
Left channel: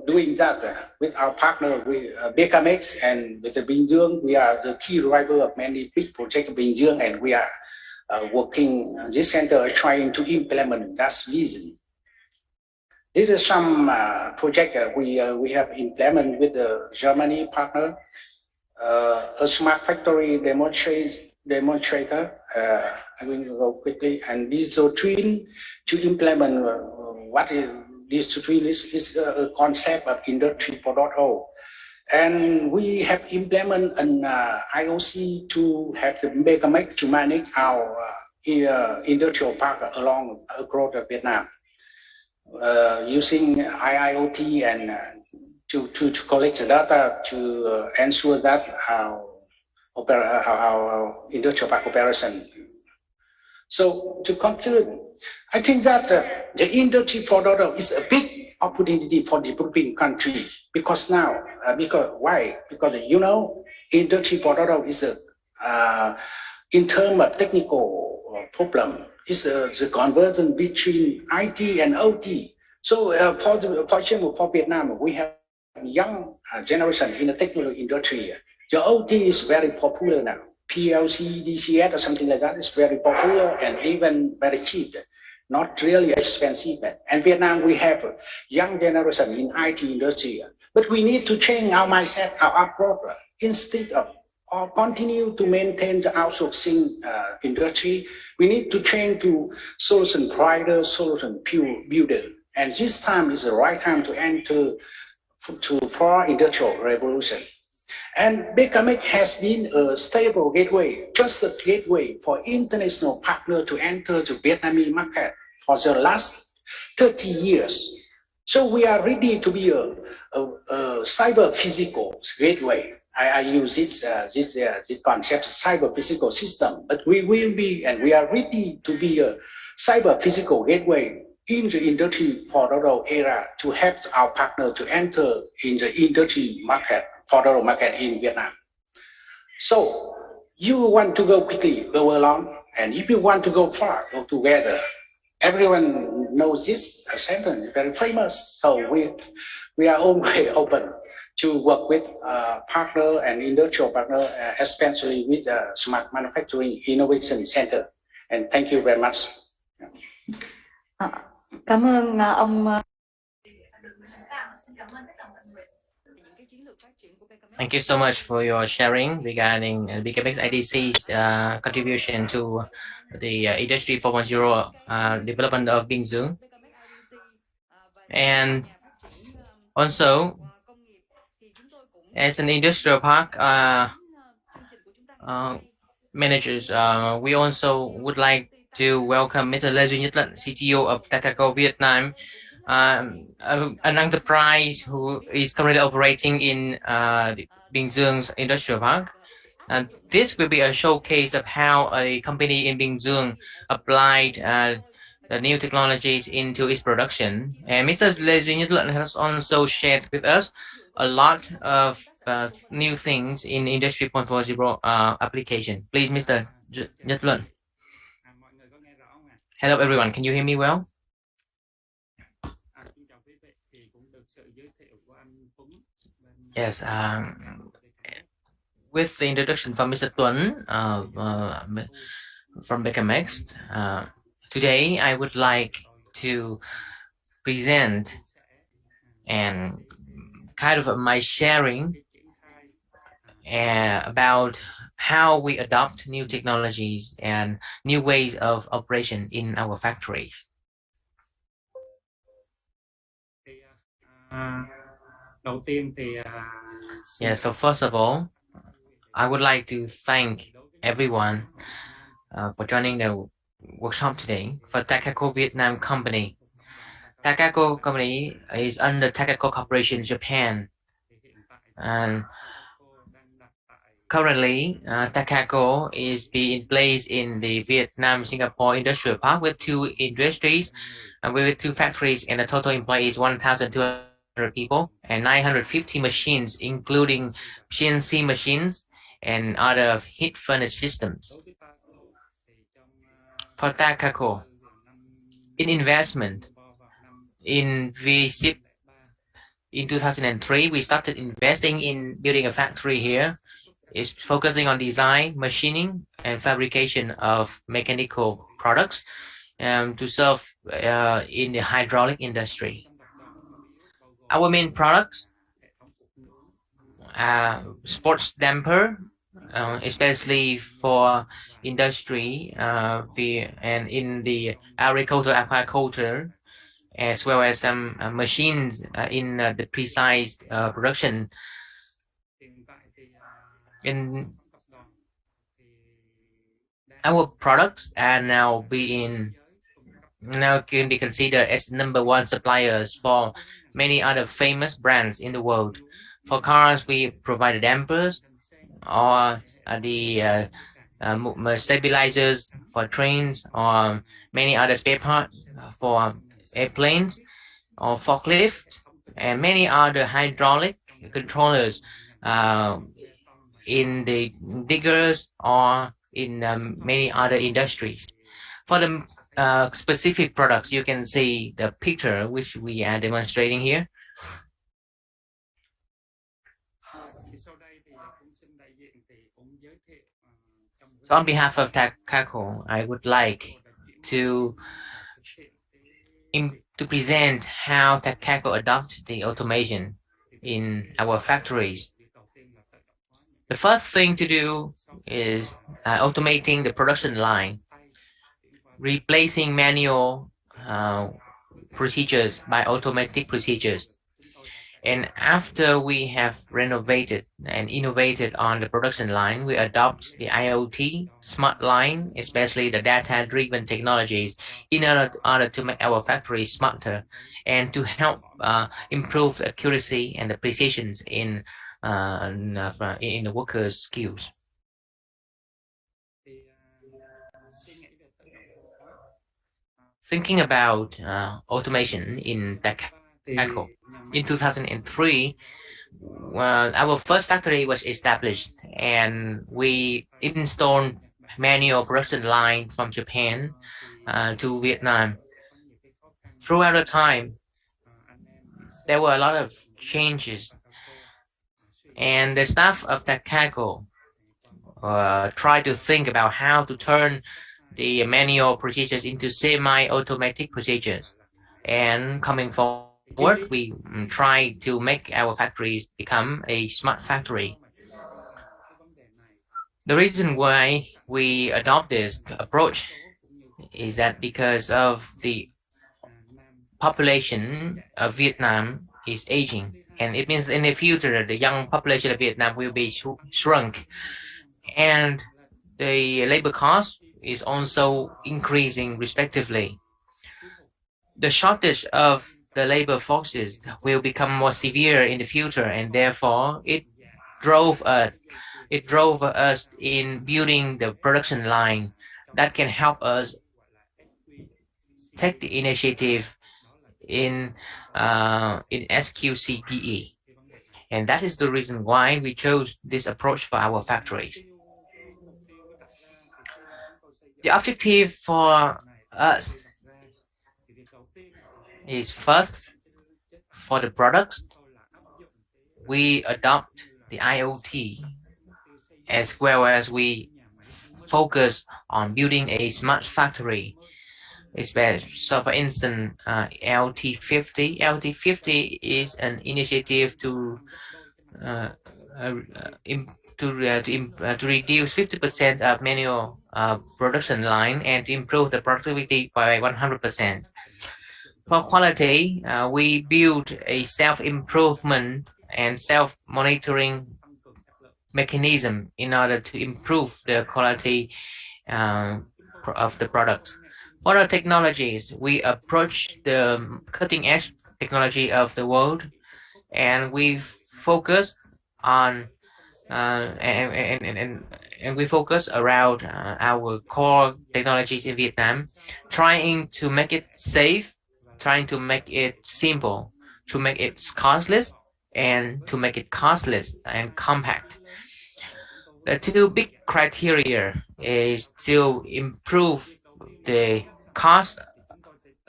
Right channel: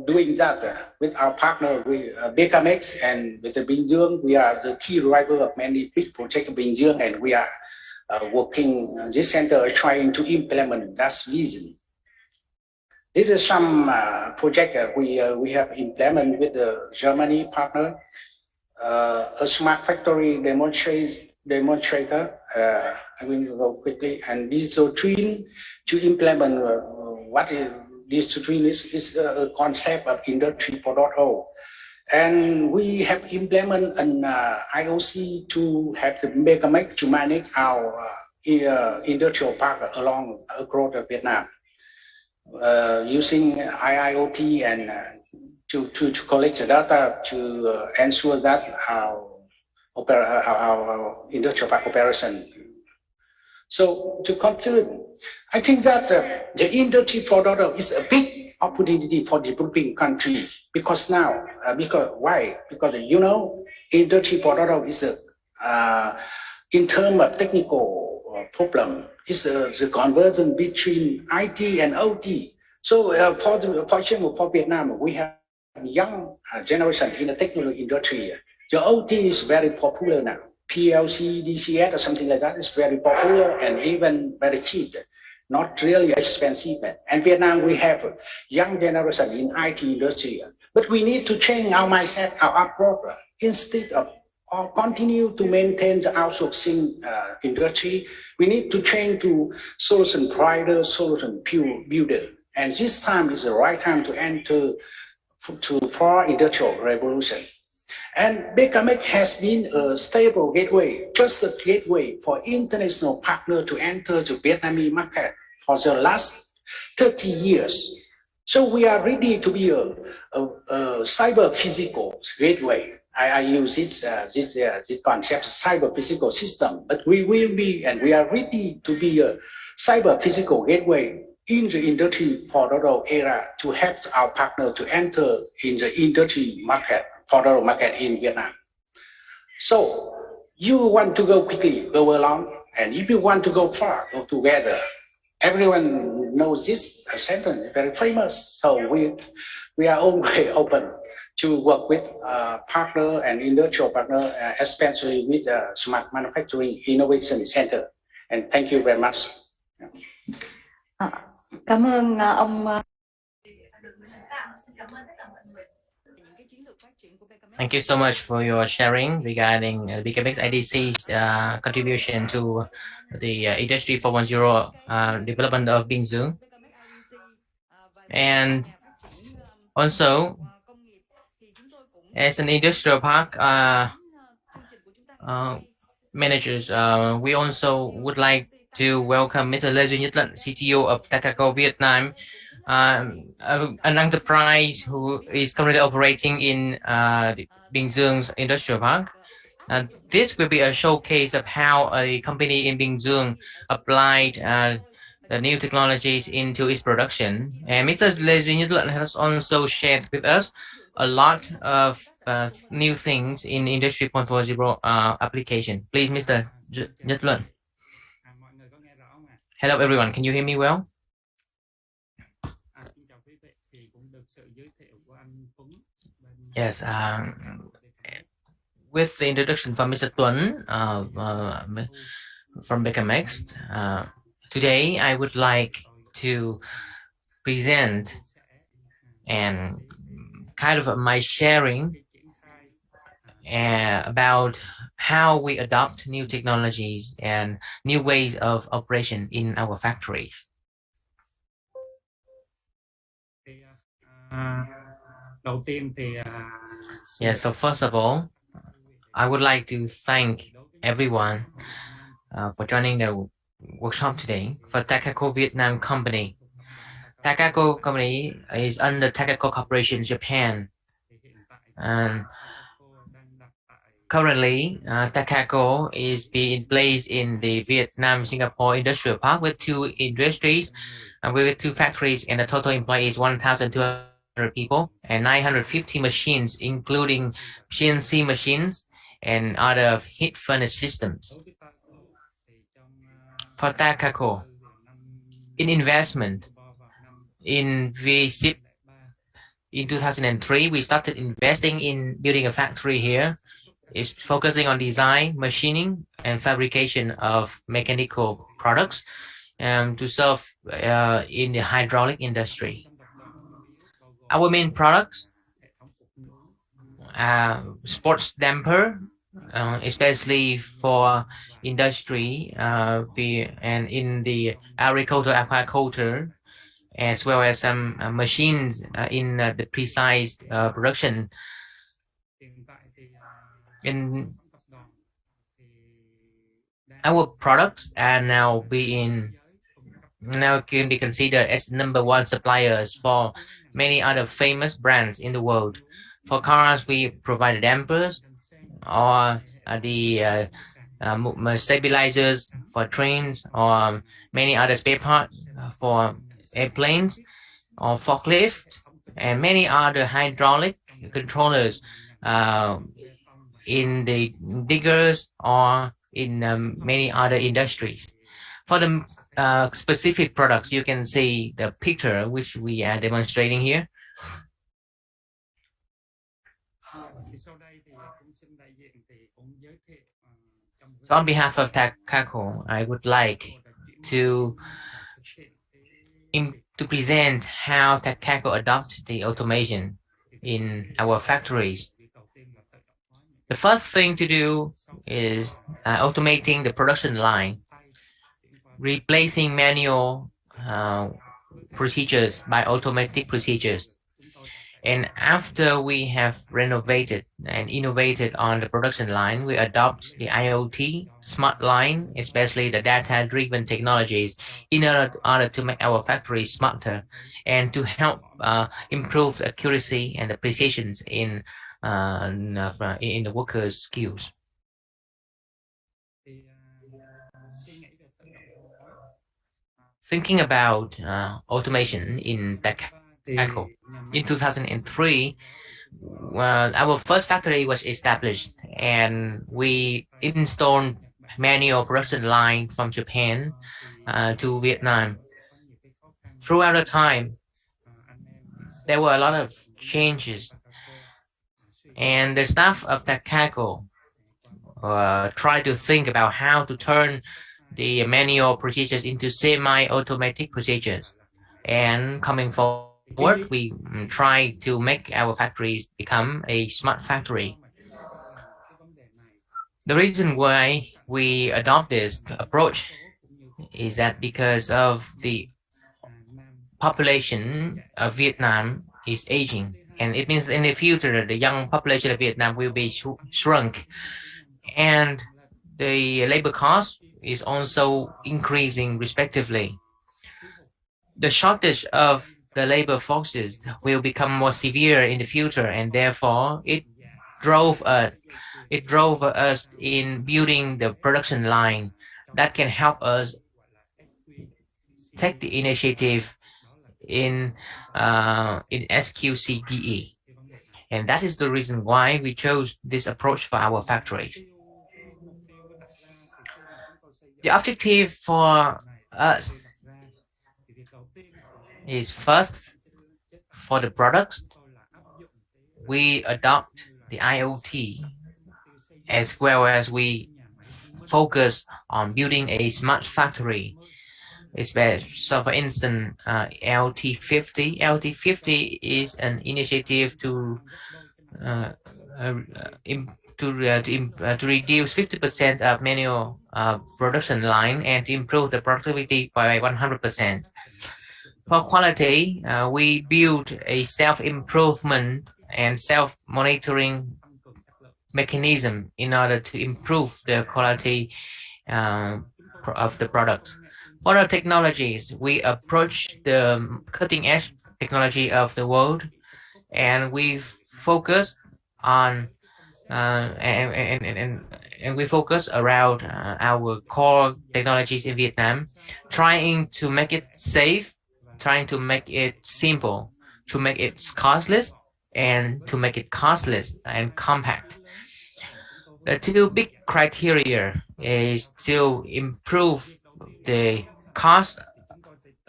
doing that with our partner, with BKMX and with the Bình Dương. We are the key driver of many big projects in Bình Dương, and we are working this center trying to implement that vision. This is some project we have implemented with the Germany partner, a smart factory demonstrator. I will go quickly, and digital twin to implement what is digital twin is a concept of Industry 4.0. And we have implemented an IOC to have the make to manage our industrial park across Vietnam. Using IIoT and to collect the data to ensure that our industrial park operation. So to conclude, I think that the Industry 4.0 is a big opportunity for developing country because now, why? Because Industry 4.0 is in terms of technical problem. Is the conversion between IT and OT. So for example, for Vietnam, we have young generation in the technology industry. The OT is very popular now. PLC, DCS or something like that is very popular and even very cheap, not really expensive. And Vietnam, we have a young generation in IT industry. But we need to change our mindset, our approach, instead of continue to maintain the outsourcing industry. We need to change to solution provider, solution builder. And this time is the right time to enter for industrial revolution. And BKMX has been a stable gateway, trusted gateway for international partners to enter the Vietnamese market for the last 30 years. So we are ready to be a cyber physical gateway. I use this concept, cyber physical system, but we will be, and we are ready to be a cyber physical gateway in the Industry 4.0 era to help our partner to enter in the industry market, 4.0 market in Vietnam. So you want to go quickly, go along, and if you want to go far, go together. Everyone knows this sentence, very famous. So we are always open to work with partner and industrial partner, especially with Smart Manufacturing Innovation Center. And thank you very much. Cảm ơn ông Thank you so much for your sharing regarding BKMX IDC's contribution to the Industry 4.0 development of Bình Dương. And also, as an industrial park managers, we also would like to welcome Mr. Lê Duy Nhất Lận, CTO of Takako Vietnam, an enterprise who is currently operating in Bình Dương Industrial Park. And this will be a showcase of how a company in Bình Dương applied the new technologies into its production. And Mr. Lê Duy Nhất Lận has also shared with us a lot of new things in Industry 4.0 application. Please, Mr. Nhất Lận. Hello, everyone. Can you hear me well? Yes. With the introduction from Mr. Tuấn from BKMX, today I would like to present and kind of my sharing about how we adopt new technologies and new ways of operation in our factories. Yeah, so first of all, I would like to thank everyone for joining the workshop today for Takako Vietnam Company. Takako Company is under Takako Corporation Japan, and currently Takako is being placed in the Vietnam Singapore Industrial Park with 2 industries and with 2 factories, and the total employees 1,200 people and 950 machines, including CNC machines and other heat furnace systems. For Takako, in investment in VSIP in 2003, we started investing in building a factory here. It's focusing on design, machining, and fabrication of mechanical products to serve in the hydraulic industry. Our main products are sports damper, especially for industry and in the agriculture, aquaculture, as well as some machines in the precise production. In our products are now can be considered as #1 suppliers for many other famous brands in the world. For cars, we provide dampers or the stabilizers for trains or many other spare parts for airplanes or forklift and many other hydraulic controllers in the diggers or in many other industries. For the specific products, you can see the picture which we are demonstrating here. So on behalf of Takako, I would like to present how Takako adopts the automation in our factories. The first thing to do is automating the production line, replacing manual procedures by automatic procedures. And after we have renovated and innovated on the production line, we adopt the IoT smart line, especially the data-driven technologies, in order to make our factories smarter and to help improve the accuracy and the precision in the workers' skills. Thinking about automation in Takako, in 2003, our first factory was established and we installed manual production line from Japan to Vietnam. Throughout the time, there were a lot of changes, and the staff of Takako tried to think about how to turn the manual procedures into semi-automatic procedures. And coming forward, work, we try to make our factories become a smart factory. The reason why we adopt this approach is that because of the population of Vietnam is aging, and it means in the future the young population of Vietnam will be shrunk, and the labor cost is also increasing respectively. The shortage of the labor forces will become more severe in the future, and therefore it drove us in building the production line that can help us take the initiative in SQCDE. And that is the reason why we chose this approach for our factories. The objective for us is first, for the products, we adopt the IoT, as well as we focus on building a smart factory. So for instance, LT50. LT50 is an initiative uh, uh, to reduce 50% of manual production line and to improve the productivity by 100%. For quality, we build a self-improvement and self-monitoring mechanism in order to improve the quality uh, of the products. For the technologies, we approach the cutting edge technology of the world, and we focus on and we focus around our core technologies in Vietnam, trying to make it safe, trying to make it simple, to make it costless, and to make it costless and compact. The two big criteria is to improve the cost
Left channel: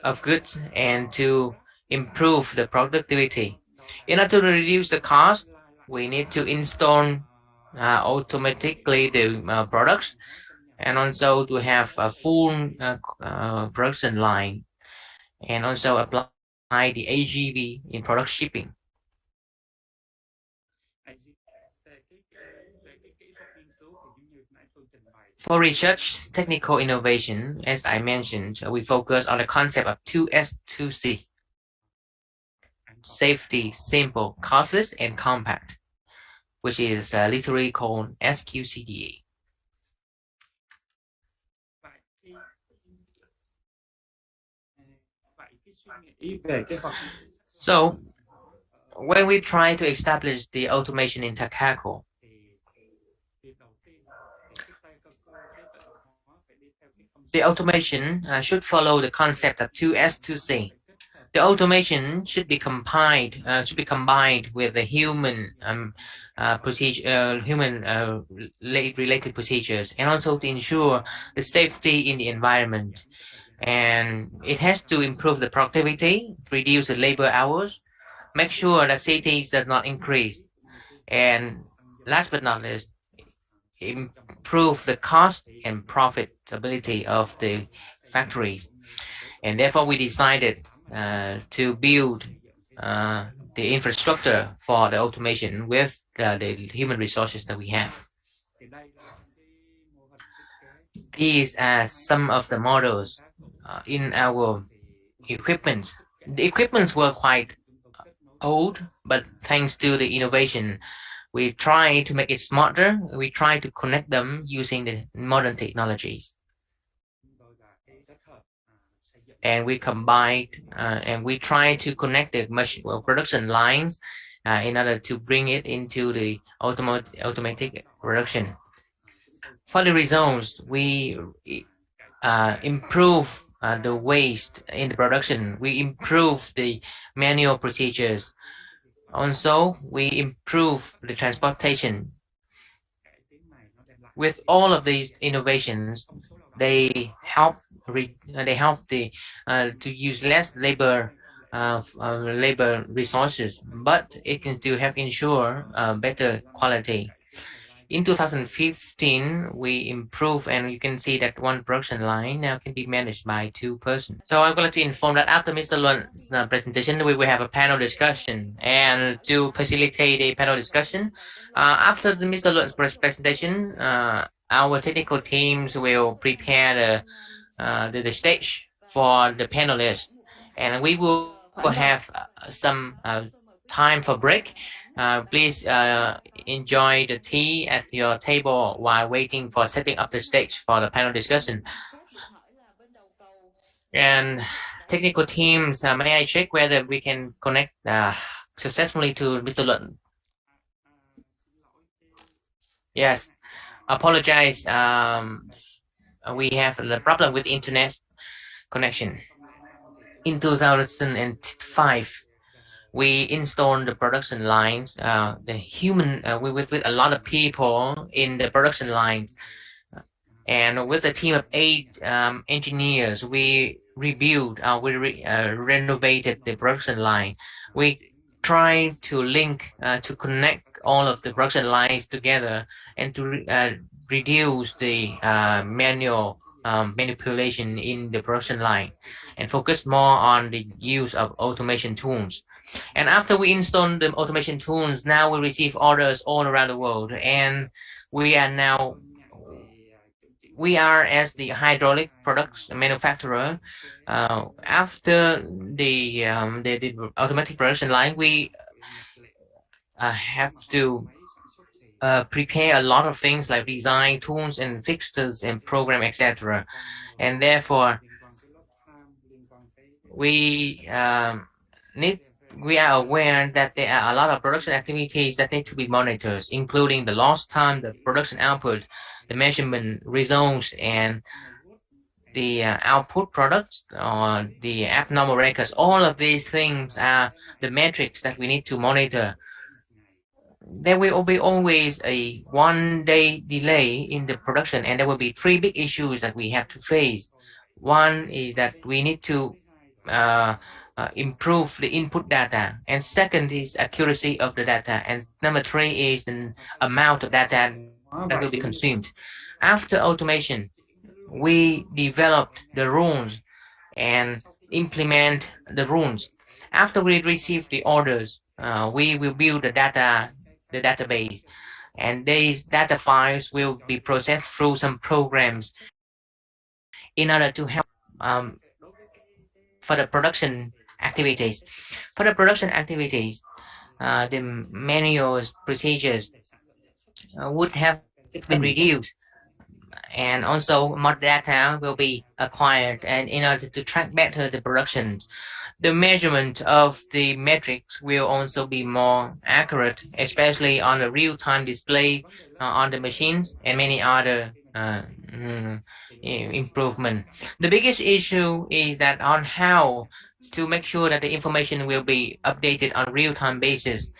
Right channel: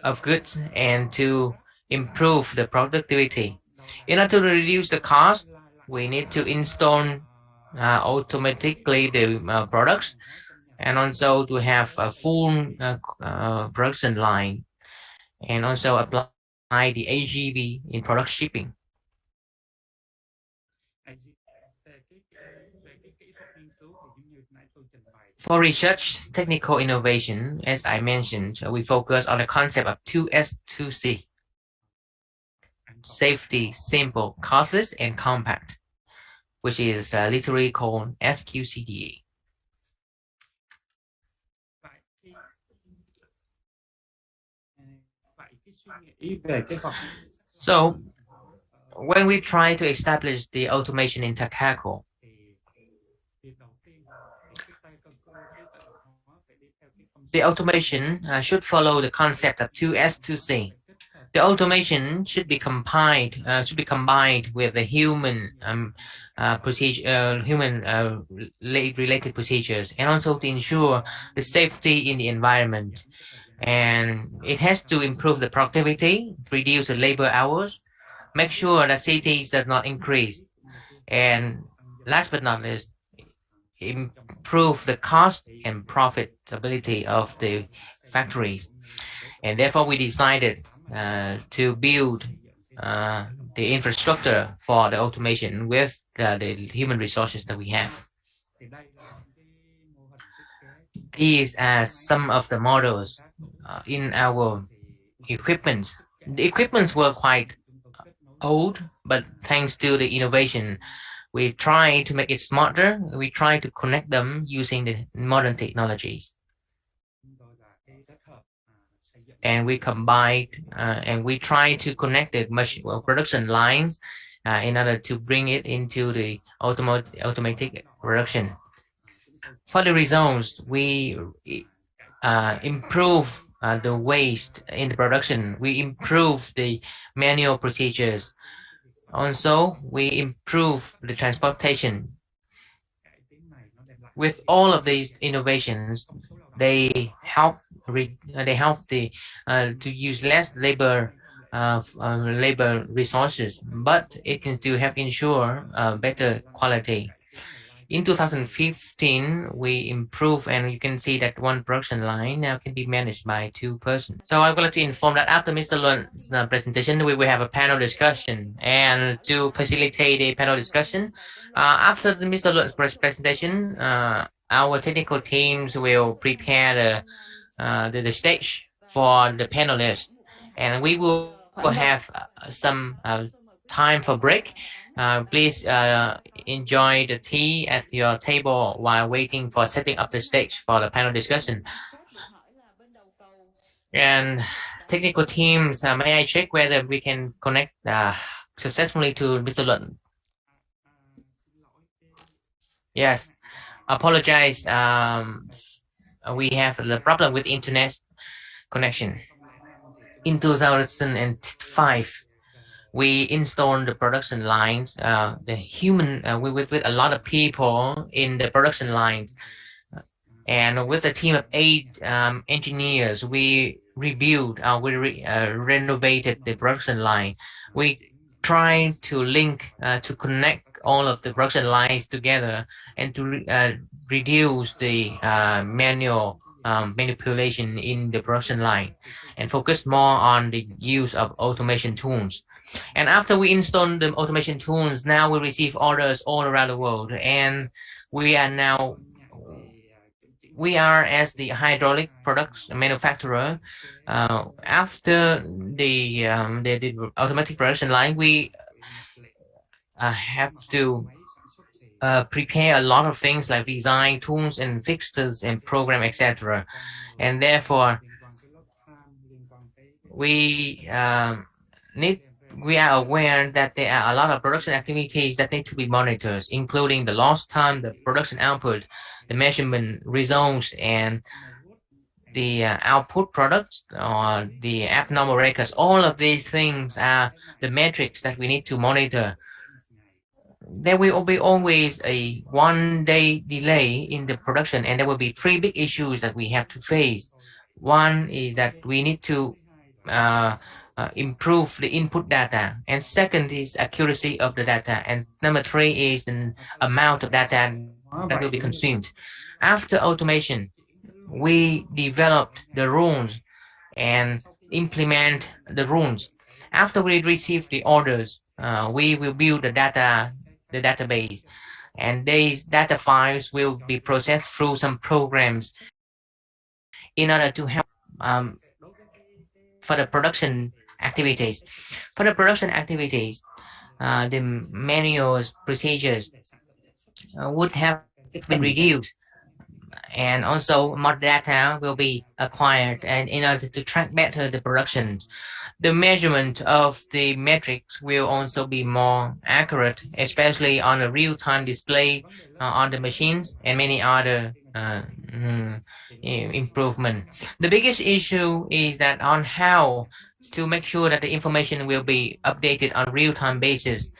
of goods and to improve the productivity. In order to reduce the cost, we need to install automatically the products, and also to have a full production line, and also apply the AGV in product shipping. For research technical innovation, as I mentioned, we focus on the concept of 2S2C: safety, simple, costless, and compact, which is literally called SQCDA. So when we try to establish the automation in Takako, the automation should follow the concept of 2S2C. The automation should be combined with the human related procedures, and also to ensure the safety in the environment. And it has to improve the productivity, reduce the labor hours, make sure that cities does not increase, and last but not least, improve the cost and profitability of the factories. And therefore, we decided to build the infrastructure for the automation with the human resources that we have. These are some of the models in our equipment. The equipments were quite old, but thanks to the innovation, we try to make it smarter. We try to connect them using the modern technologies. And we combine and we try to connect the production lines in order to bring it into the automatic production. For the results, we improve the waste in the production. We improve the manual procedures. Also, we improve the transportation. With all of these innovations, they help to use less labor resources, but it can still help ensure better quality. In 2015, we improved, and you can see that one production line now can be managed by 2 persons. So I would like to inform that after Mr. Luan's presentation, we will have a panel discussion. And to facilitate a panel discussion, after Mr. Luan's presentation, our technical teams will prepare the stage for the panelists, and we will have some time for break. Please enjoy the tea at your table while waiting for setting up the stage for the panel discussion. And technical teams, may I check whether we can connect successfully to Mr. Luận? Yes, apologize. We have the problem with internet connection. In 2005, we installed the production lines, the human, with a lot of people in the production lines. And with a team of 8 engineers, we rebuilt, renovated the production line. We tried to link, to connect all of the production lines together and to reduce the manual manipulation in the production line and focus more on the use of automation tools. And after we install the automation tools, now we receive orders all around the world, and we are as the hydraulic products manufacturer. After the automatic production line, we have to prepare a lot of things like design tools and fixtures and program, etc. And therefore, we we are aware that there are a lot of production activities that need to be monitored, including the lost time, the production output, the measurement results, and the output products or the abnormal records. All of these things are the metrics that we need to monitor. There will be always a 1-day delay in the production, and there will be 3 big issues that we have to face. One is that we need to improve the input data, and second is accuracy of the data, and number 3 is the amount of data that will be consumed. After automation, we developed the rules and implement the rules. After we receive the orders, we will build the database, and these data files will be processed through some programs in order to help for the production activities. For the production activities, the manual procedures would have been reduced, and also more data will be acquired, and in order to track better the production, the measurement of the metrics will also be more accurate, especially on a real-time display on the machines and many other improvement. The biggest issue is that on how to make sure that the information will be updated on real-time basis,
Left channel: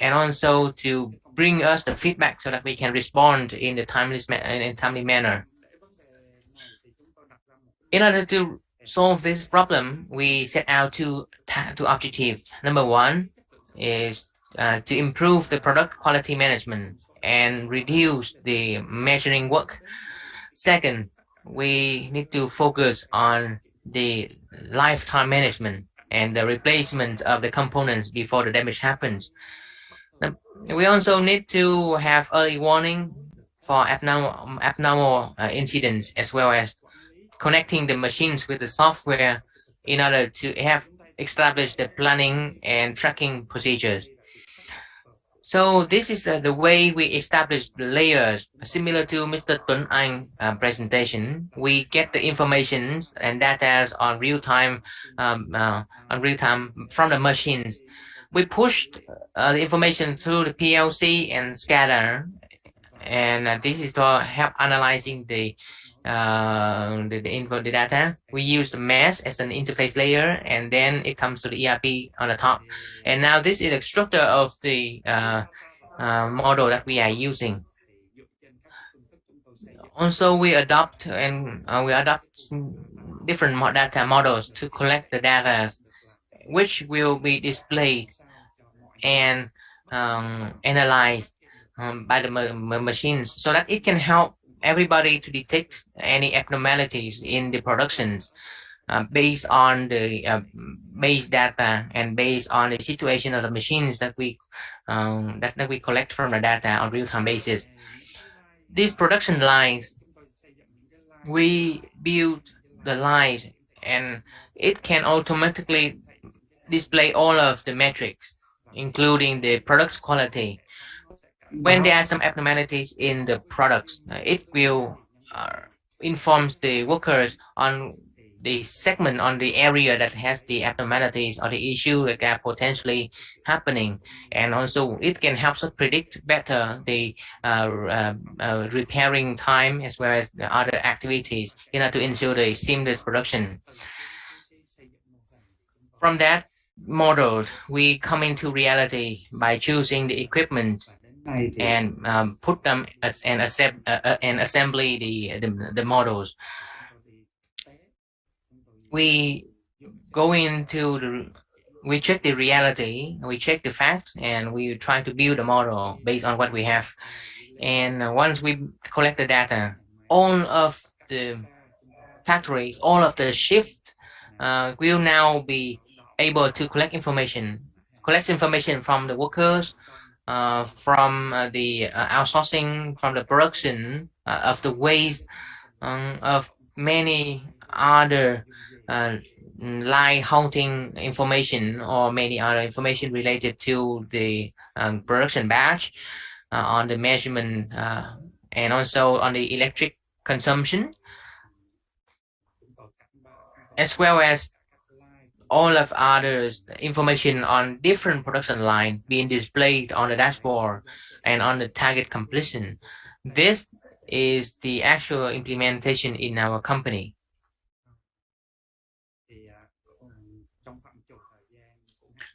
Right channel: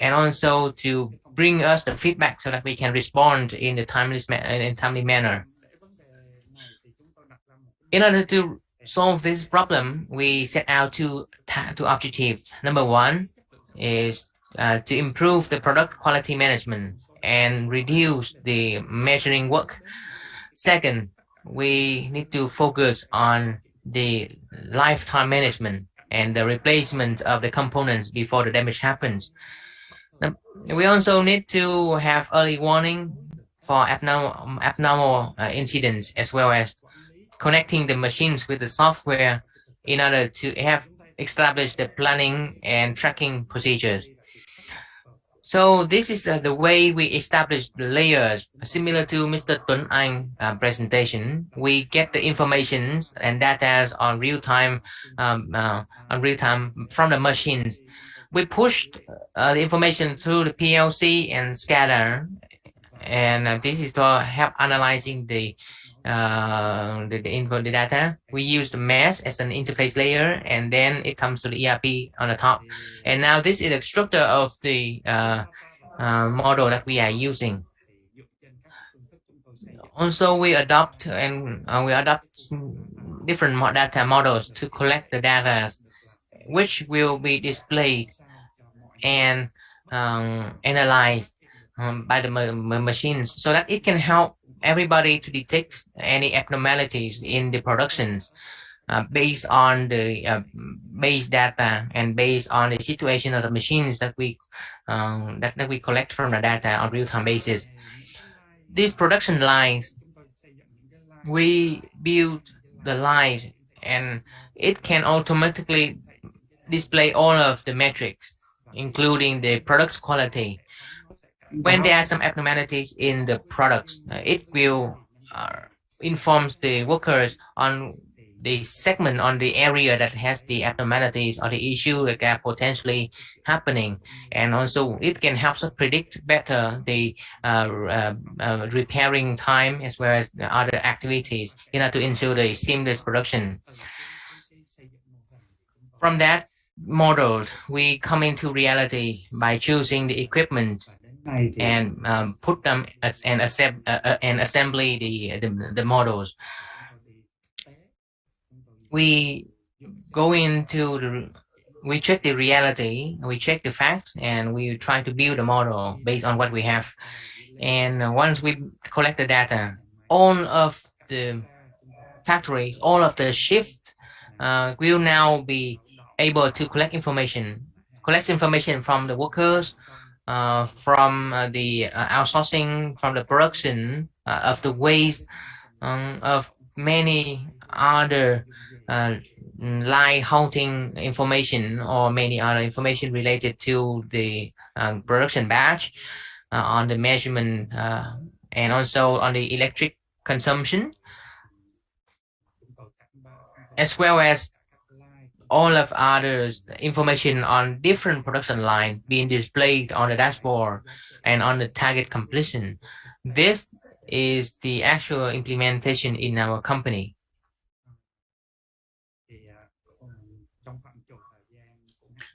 and also to bring us the feedback so that we can respond in a timely manner. In order to solve this problem, we set out two objectives. Number 1 is to improve the product quality management and reduce the measuring work. Second, we need to focus on the lifetime management and the replacement of the components before the damage happens. We also need to have early warning for abnormal incidents, as well as connecting the machines with the software in order to have established the planning and tracking procedures. So this is the way we establish the layers. Similar to Mr. Tuấn Anh presentation, we get the information and data on real time from the machines. We pushed the information through the PLC and scatter, and this is to help analyzing the info, the data. We use the mesh as an interface layer, and then it comes to the ERP on the top. And now this is a structure of the model that we are using. Also, we adopt different data models to collect the data, which will be displayed and analyzed by the machines, so that it can help everybody to detect any abnormalities in the productions based on the base data and based on the situation of the machines that that we collect from the data on real-time basis. These production lines, we build the lines, and it can automatically display all of the metrics, including the product quality. When there are some abnormalities in the products, it will inform the workers on the segment, on the area that has the abnormalities or the issue that are potentially happening. And also it can help us predict better the repairing time as well as the other activities in order to ensure the seamless production. From that model, we come into reality by choosing the equipment and put them and assembly the models. We go into we check the reality, we check the facts, and we try to build a model based on what we have. And once we collect the data, all of the factories, all of the shift will now be able to collect information from the workers, from the outsourcing, from the production of the waste, of many other line haunting information or many other information related to the production batch, on the measurement, and also on the electric consumption, as well as all of others information on different production line being displayed on the dashboard and on the target completion. This is the actual implementation in our company.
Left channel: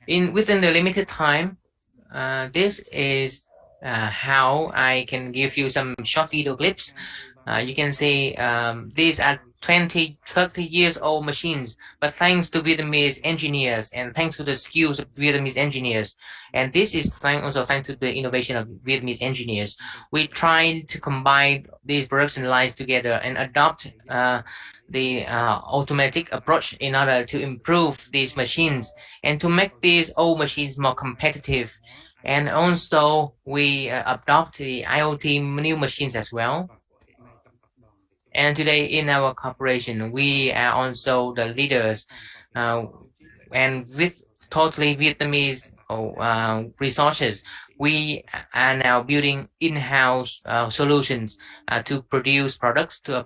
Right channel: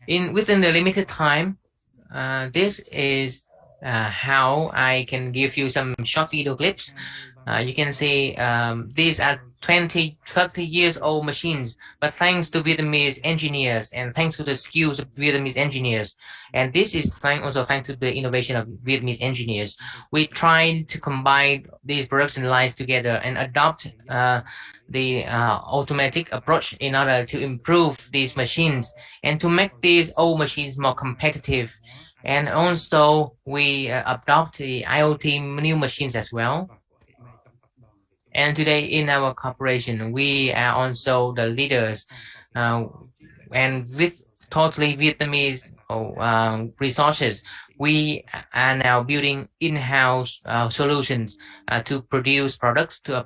Within the limited time, this is how I can give you some short video clips. You can see these are 20, 30 years old machines, but thanks to Vietnamese engineers and thanks to the skills of Vietnamese engineers, and this is also thanks to the innovation of Vietnamese engineers, we try to combine these production lines together and adopt the automatic approach in order to improve these machines and to make these old machines more competitive. And also we adopt the IoT new machines as well. And today in our corporation, we are also the leaders, and with totally Vietnamese resources, we are now building in-house solutions to produce products to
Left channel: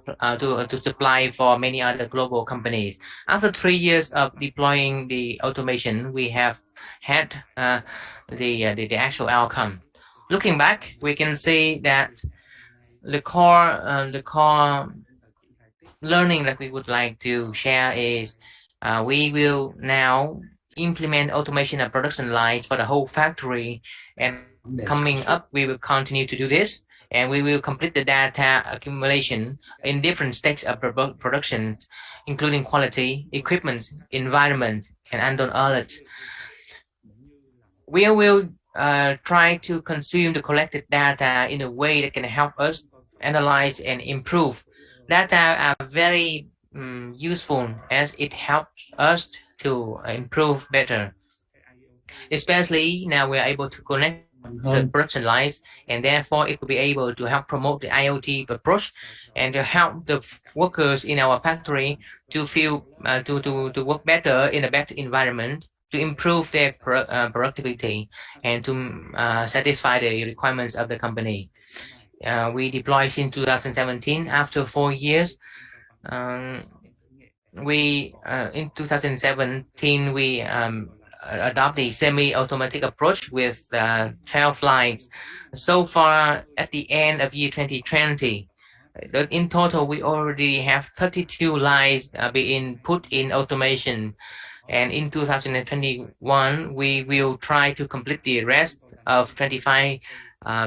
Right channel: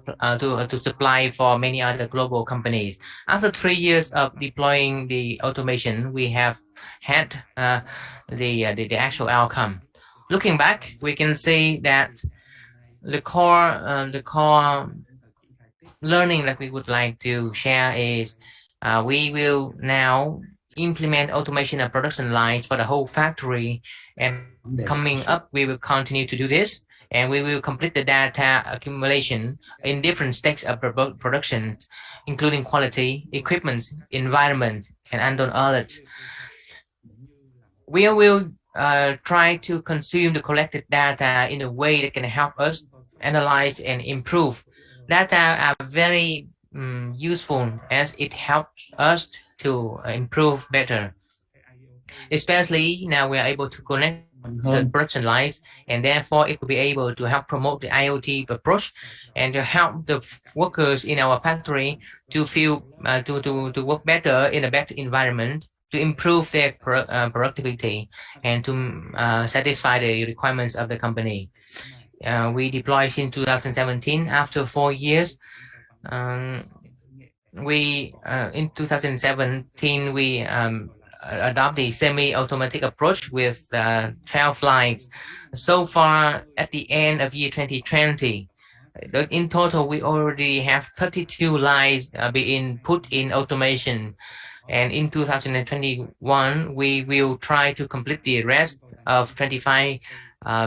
supply for many other global companies. After 3 years of deploying the automation, we have had the actual outcome. Looking back, we can see that the core learning that we would like to share is we will now implement automation of production lines for the whole factory, and coming up we will continue to do this, and we will complete the data accumulation in different stages of production, including quality, equipment, environment, and unknown alerts. We will try to consume the collected data in a way that can help us analyze and improve. Data are very useful as it helps us to improve better. Especially now we are able to connect the production lines, and therefore it will be able to help promote the IoT approach and to help the workers in our factory to feel to work better in a better environment, to improve their productivity and to satisfy the requirements of the company. We deployed in 2017. After 4 years, in 2017 we adopt the semi-automatic approach with 12 lines. So far, at the end of year 2020, in total we already have 32 lines being put in automation, and in 2021 we will try to complete the rest of 25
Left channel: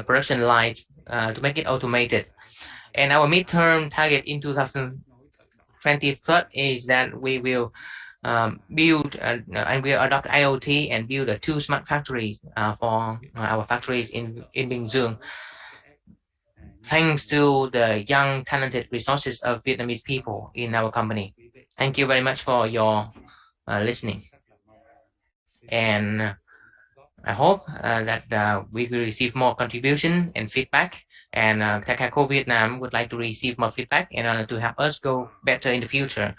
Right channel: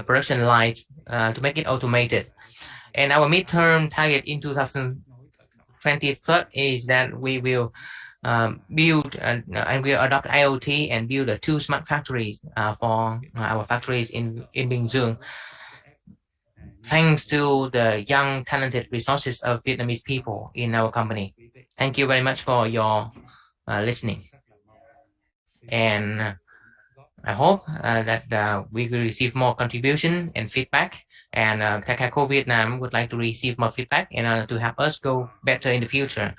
production lines to make it automated. And our midterm target in 2023 is that we will build and we adopt IoT and build two smart factories for our factories in Bình Dương, thanks to the young talented resources of Vietnamese people in our company. Thank you very much for your listening, and I hope that we will receive more contribution and feedback, and Takaco Vietnam would like to receive more feedback in order to help us go better in the future.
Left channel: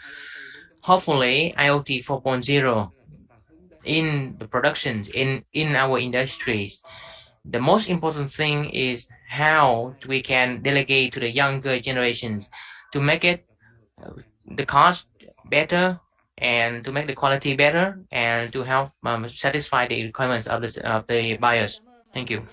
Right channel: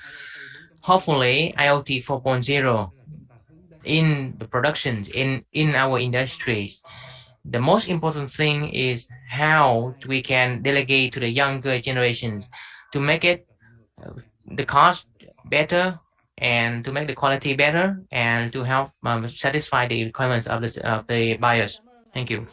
Hopefully IoT 4.0 in the productions in our industries, the most important thing is how we can delegate to the younger generations to make it the cost better and to make the quality better and to help satisfy the requirements of the buyers. Thank you.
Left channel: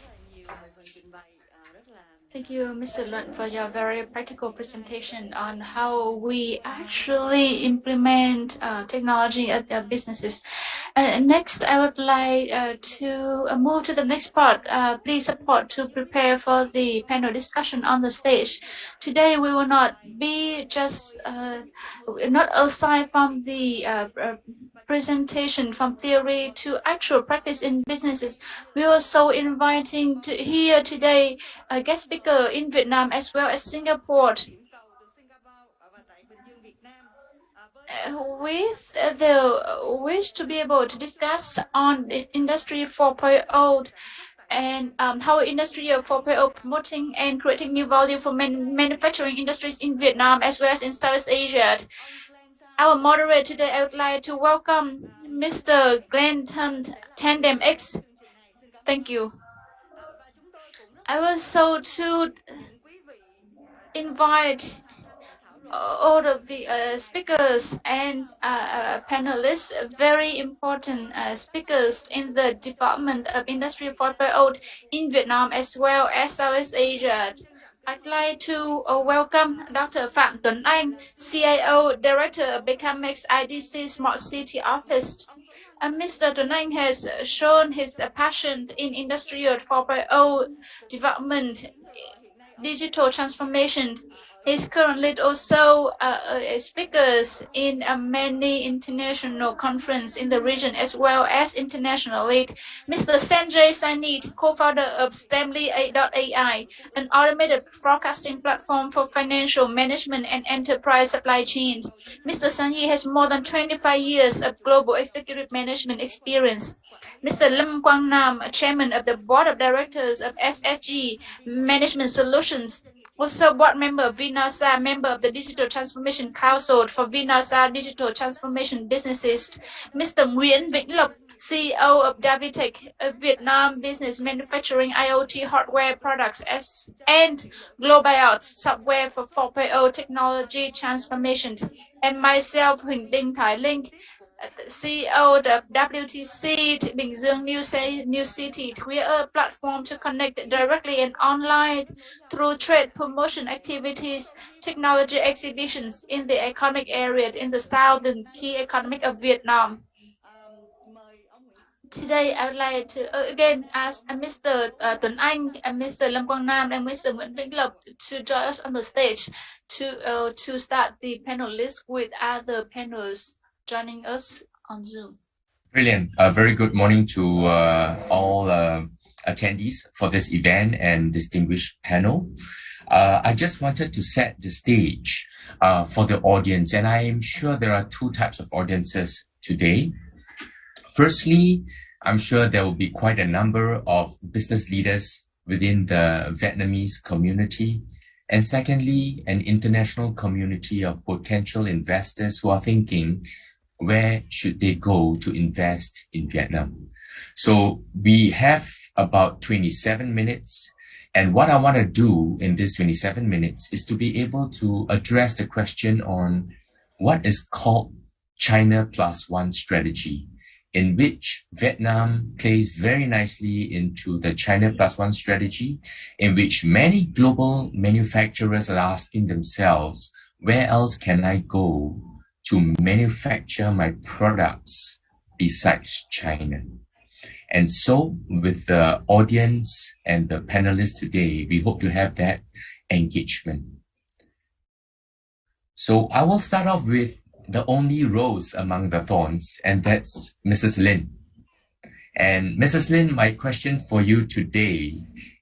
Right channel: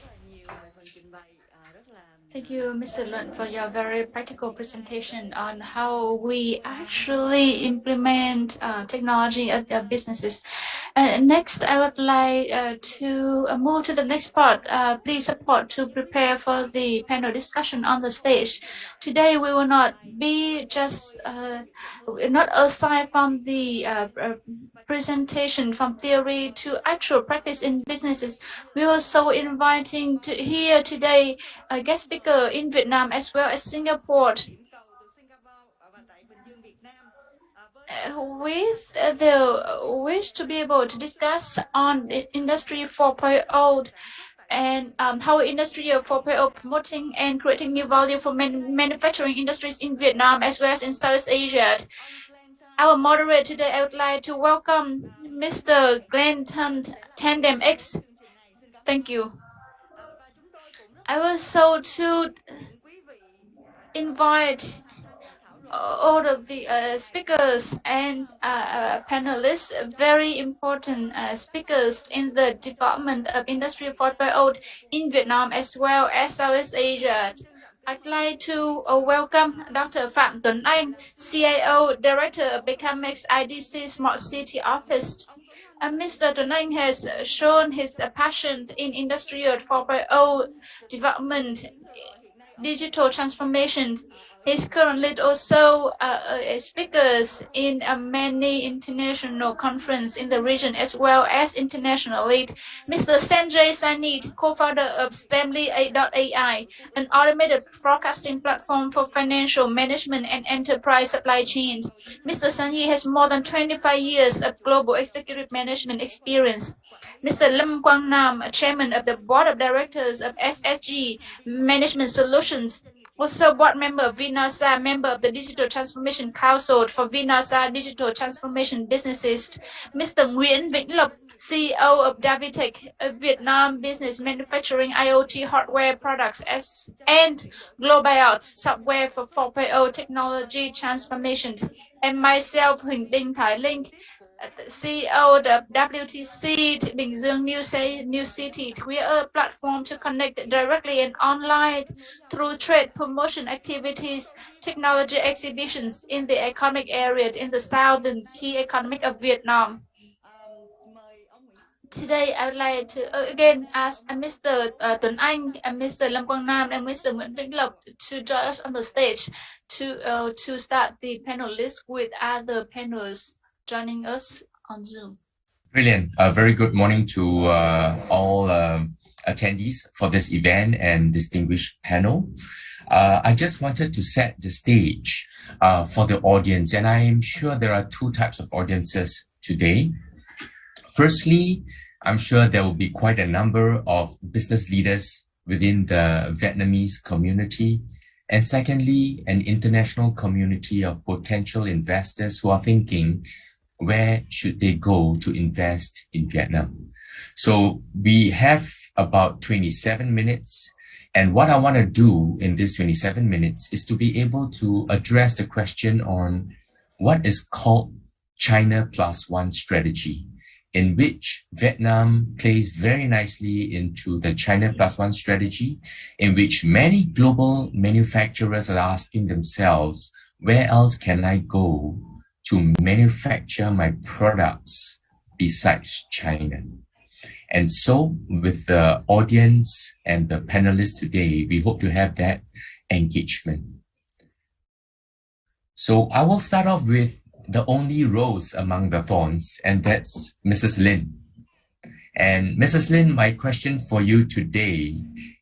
Thank you, Mr. Luận, for your very practical presentation on how we actually implement technology at their businesses. Next, I would like to move to the next part. Please support to prepare for the panel discussion on the stage. Today, we will not be just not aside from the presentation from theory to actual practice in businesses. We are also inviting to here today a guest speaker in Vietnam as well as Singapore. With the wish to be able to discuss on Industry 4.0 and how Industry 4.0 promoting and creating new value for manufacturing industries in Vietnam as well as in Southeast Asia. Our moderator today, I would like to welcome Mr. Glenn Tandem X. Thank you. I was so to invite all of the speakers and panelists, very important speakers in the development of Industry 4.0 in Vietnam as well as Southeast Asia. I'd like to welcome Dr. Phạm Tuấn Anh, CIO, Director of Becamex IDC Smart City Office. Mr. Tuấn Anh has shown his passion in Industry 4.0 development, digital transformation. He's currently also speakers in many international conferences in the region as well as internationally. Mr. Sanjay Sanit, co-founder of Stemly.ai, an automated forecasting platform for financial management and enterprise supply chains. Mr. Sanyi has more than 25 years of global executive management experience. Mr. Lâm Quang Nam, chairman of the board of directors of SSG Management Solutions, also board member of Vinasa, member of the Digital Transformation Council for Vinasa Digital Transformation Businesses. Mr. Nguyễn Vĩnh Lộc, CEO of Davitech, a Vietnam business manufacturing IoT hardware products and global software for 4.0 technology transformations. And myself, Huỳnh Đinh Thái Linh, CEO of WTC Bình Dương New City. We are a platform to connect directly and online through trade promotion activities, technology exhibitions in the economic area in the southern key economic of Vietnam. Today, I would like to again ask Mr. Tuấn Anh, Mr. Lâm Quang Nam, and Mr. Nguyễn Vĩnh Lộc to join us on the stage to start the panel list with other panels joining us on Zoom. Brilliant. Very good morning to all attendees for this event and distinguished panel. I just wanted to set the stage for the audience, and I am sure there are two types of audiences today. Firstly, I'm sure there will be quite a number of business leaders within the Vietnamese community. And secondly, an international community of potential investors who are thinking, where should they go to invest in Vietnam? So we have about 27 minutes. And what I want to do in this 27 minutes is to be able to address the question on what is called China Plus One strategy, in which Vietnam plays very nicely into the China Plus One strategy, in which many global manufacturers are asking themselves, where else can I go to manufacture my products besides China? And so with the audience and the panelists today, we hope to have that engagement. So I will start off with the only rose among the thorns, and that's Mrs. Lin. And Mrs. Lin, my question for you today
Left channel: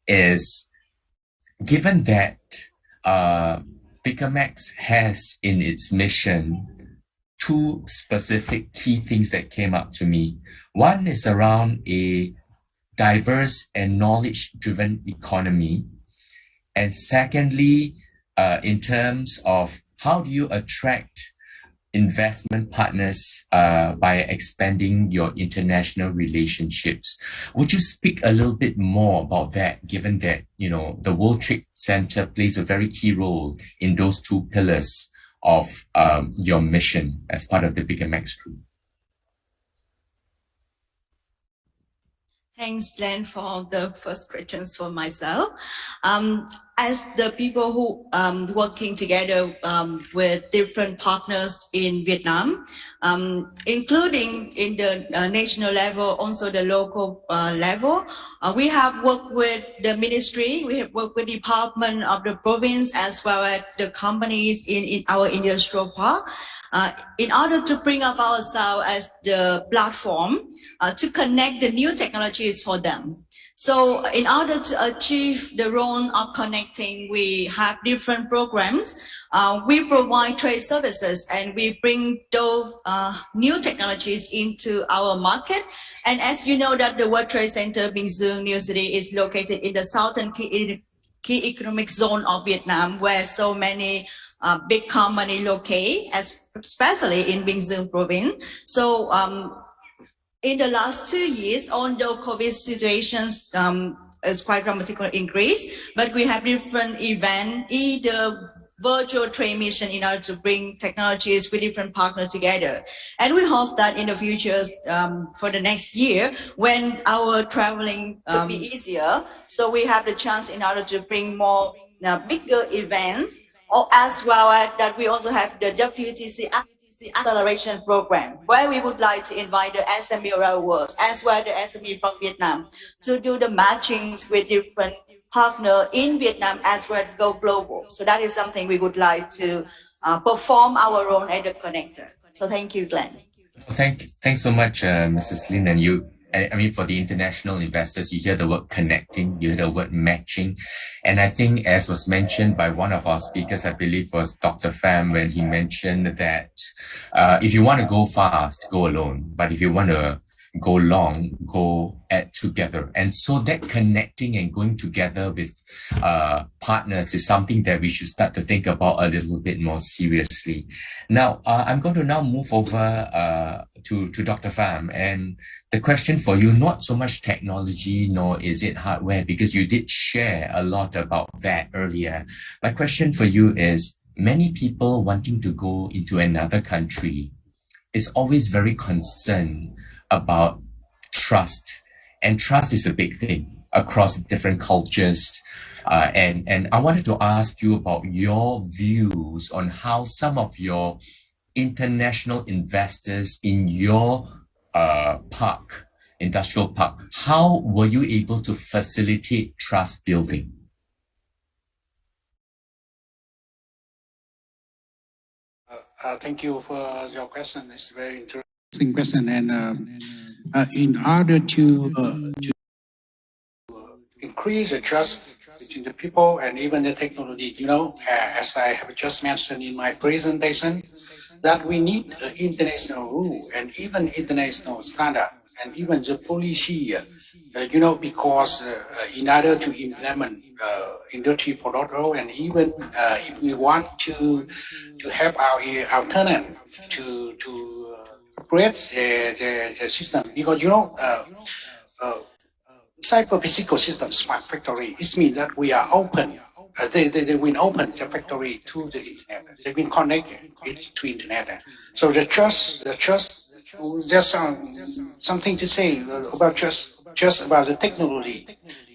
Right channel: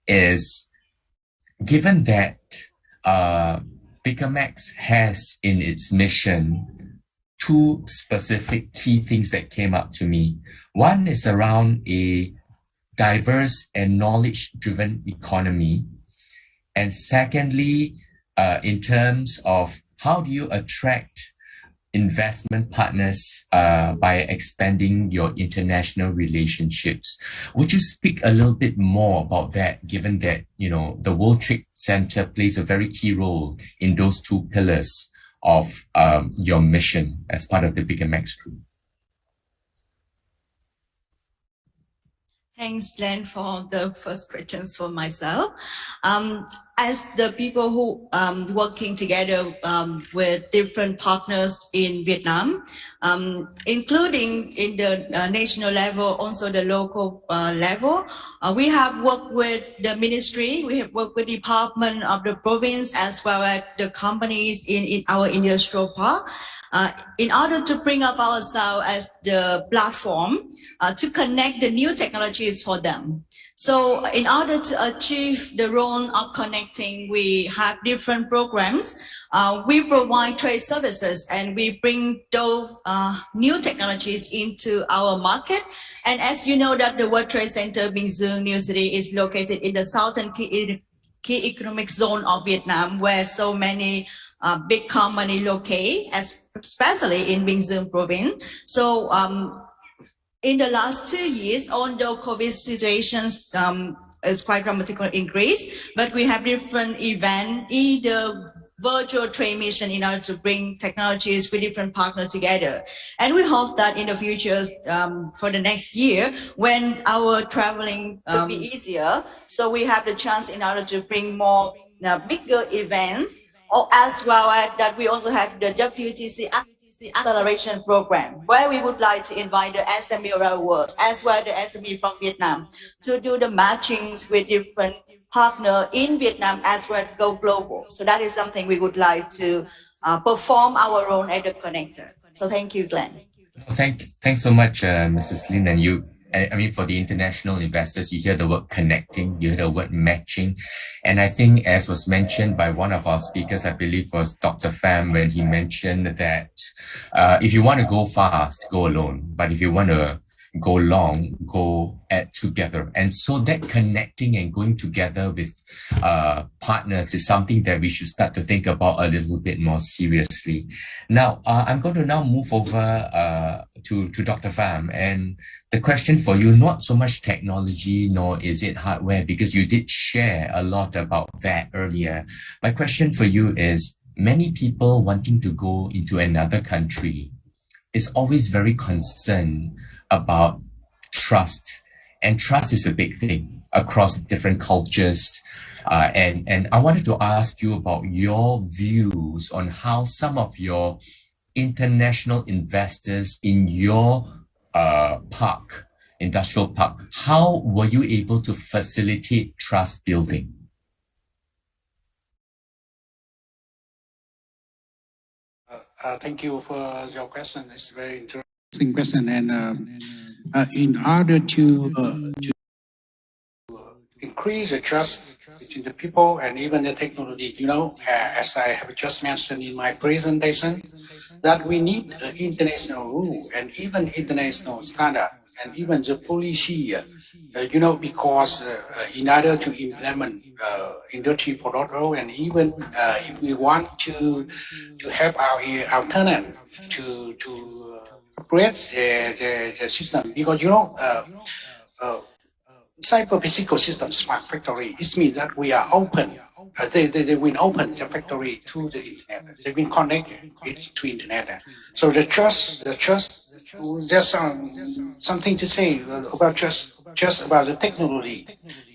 is, given that Picamax has in its mission two specific key things that came up to me. One is around a diverse and knowledge-driven economy. And secondly, in terms of how do you attract investment partners by expanding your international relationships. Would you speak a little bit more about that, given that, you know, the World Trade Center plays a very key role in those two pillars of your mission as part of the Picamax Group? Thanks, Glenn, for the first questions for myself. As the people who working together with different partners in Vietnam, including in the national level, also the local level, we have worked with the ministry, we have worked with the department of the province, as well as the companies in our industrial park, in order to bring up ourselves as the platform to connect the new technologies for them. So in order to achieve the role of connecting, we have different programs. We provide trade services and we bring those new technologies into our market. And as you know that the World Trade Center Bình Dương New City is located in the southern key economic zone of Vietnam, where so many big companies locate, especially in Bình Dương province. So in the last 2 years, although COVID situations is quite dramatically increased, but we have different events, either virtual trade mission in order to bring technologies with different partners together. And we hope that in the future, for the next year, when our traveling will be easier, so we have the chance in order to bring more bigger events, or as well as that we also have the WTC acceleration program, where we would like to invite the SME around the world, as well as the SME from Vietnam, to do the matchings with different partners in Vietnam as well as go global. So that is something we would like to perform our role as a connector. So thank you, Glenn. Thanks so much, Mrs. Lin. And you, I mean, for the international investors, you hear the word connecting, you hear the word matching. And I think, as was mentioned by one of our speakers, I believe was Dr. Pham, when he mentioned that if you want to go fast, go alone. But if you want to go long, go together. And so that connecting and going together with partners is something that we should start to think about a little bit more seriously. Now, I'm going to now move over to Dr. Pham, and the question for you, not so much technology, nor is it hardware, because you did share a lot about that earlier. My question for you is, many people wanting to go into another country is always very concerned about trust, and trust is a big thing across different cultures. And I wanted to ask you about your views on how some of your international investors in your park, industrial park, how were you able to facilitate trust building? Thank you for your question. It's a very interesting question. And in order to increase the trust between the people and even the technology, you know, as I have just mentioned in my presentation, that we need international rule and even international standard and even the policy, you know, because in order to implement Industry 4.0, and even if we want to have our tenant to create the system, because, you know, cyber-physical system smart factory, it means that we are open. They will open the factory to the internet. They will connect it to internet. So the trust. There's something to say about just about the technology.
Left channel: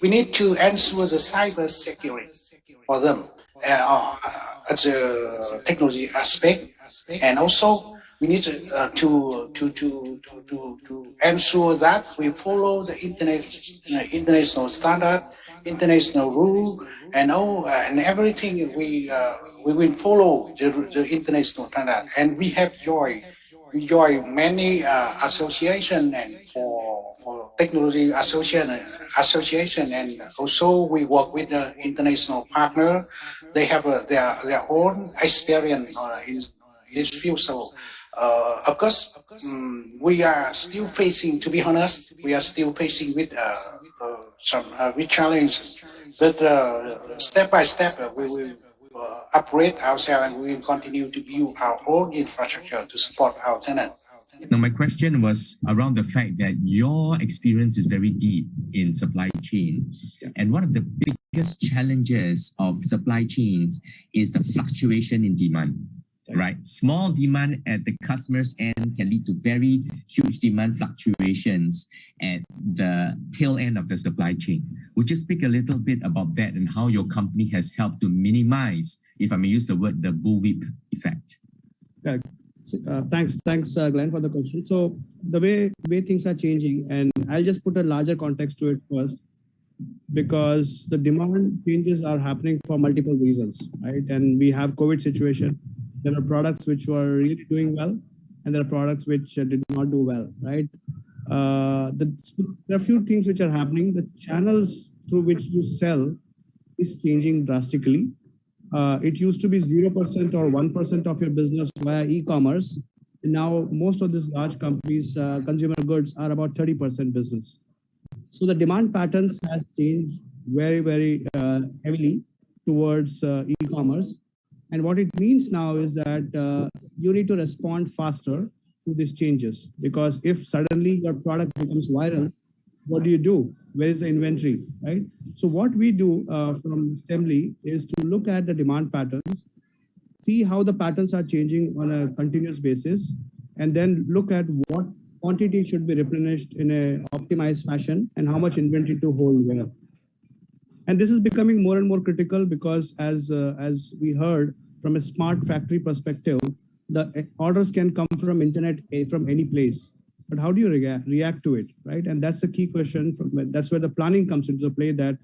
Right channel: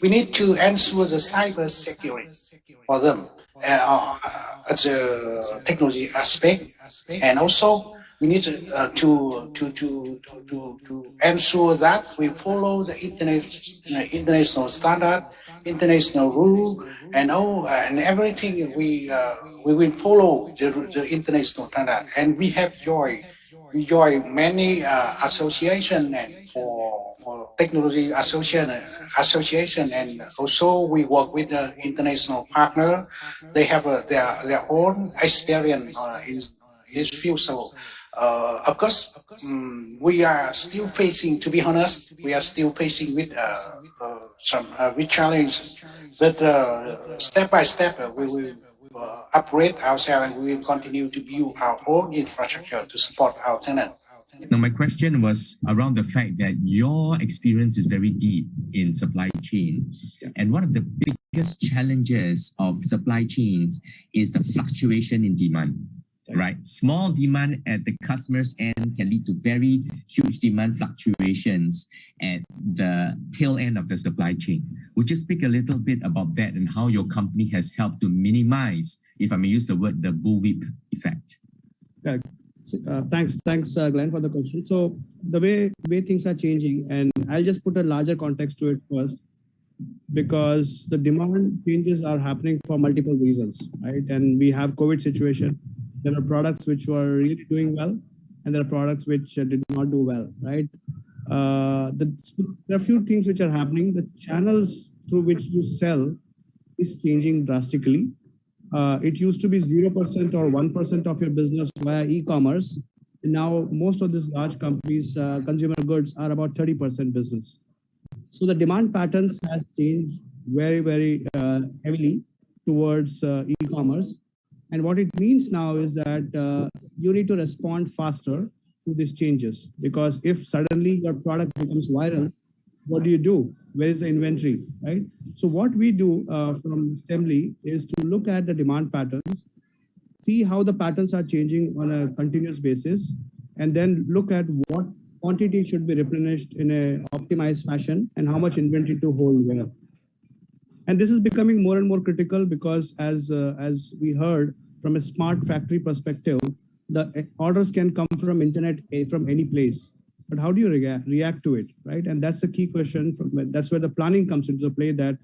We need to ensure the cyber security for them as a technology aspect, and also we need to ensure that we follow the international standard, international rule, and all and everything. We will follow the international standard, and we have we join many association and for technology association, and also we work with the international partner. They have their own experience in this field. So of course, we are still facing, to be honest, we are still facing with some with challenges, but step by step we will upgrade ourselves, and we will continue to build our own infrastructure to support our tenant. Now, my question was around the fact that your experience is very deep in supply chain. Yeah. And one of the biggest challenges of supply chains is the fluctuation in demand, right? Small demand at the customer's end can lead to very huge demand fluctuations at the tail end of the supply chain. Would you speak a little bit about that and how your company has helped to minimize, if I may use the word, the bullwhip effect? Correct. Thanks, Glenn, for the question. So the way things are changing, and I'll just put a larger context to it first, because the demand changes are happening for multiple reasons, right? And we have COVID situation. There are products which were really doing well, and there are products which did not do well, right? There are a few things which are happening. The channels through which you sell is changing drastically. It used to be 0% or 1% of your business via e-commerce. Now, most of these large companies, consumer goods, are about 30% business. So the demand patterns has changed very heavily towards e-commerce. And what it means now is that you need to respond faster to these changes, because if suddenly your product becomes viral, what do? Where is the inventory, right? So what we do from Assembly is to look at the demand patterns, see how the patterns are changing on a continuous basis, and then look at what quantity should be replenished in an optimized fashion and how much inventory to hold where. And this is becoming more and more critical because as we heard from a smart factory perspective, the orders can come from internet from any place. But how do you react to it, right? And that's the key question. That's where the planning comes into play that,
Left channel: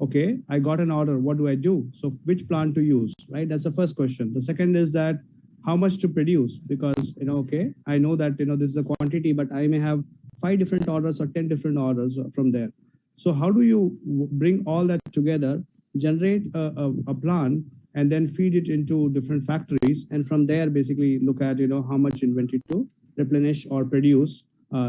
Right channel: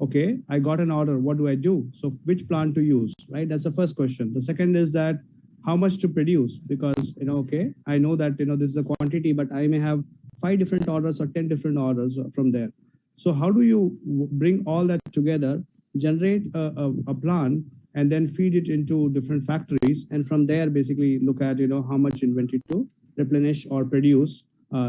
okay, I got an order, what do I do? So which plant to use, right? That's the first question. The second is that how much to produce? Because, okay, I know that, this is a quantity, but I may have 5 different orders or 10 different orders from there. So how do you bring all that together, generate a plan, and then feed it into different factories, and from there basically look at, how much inventory to replenish or produce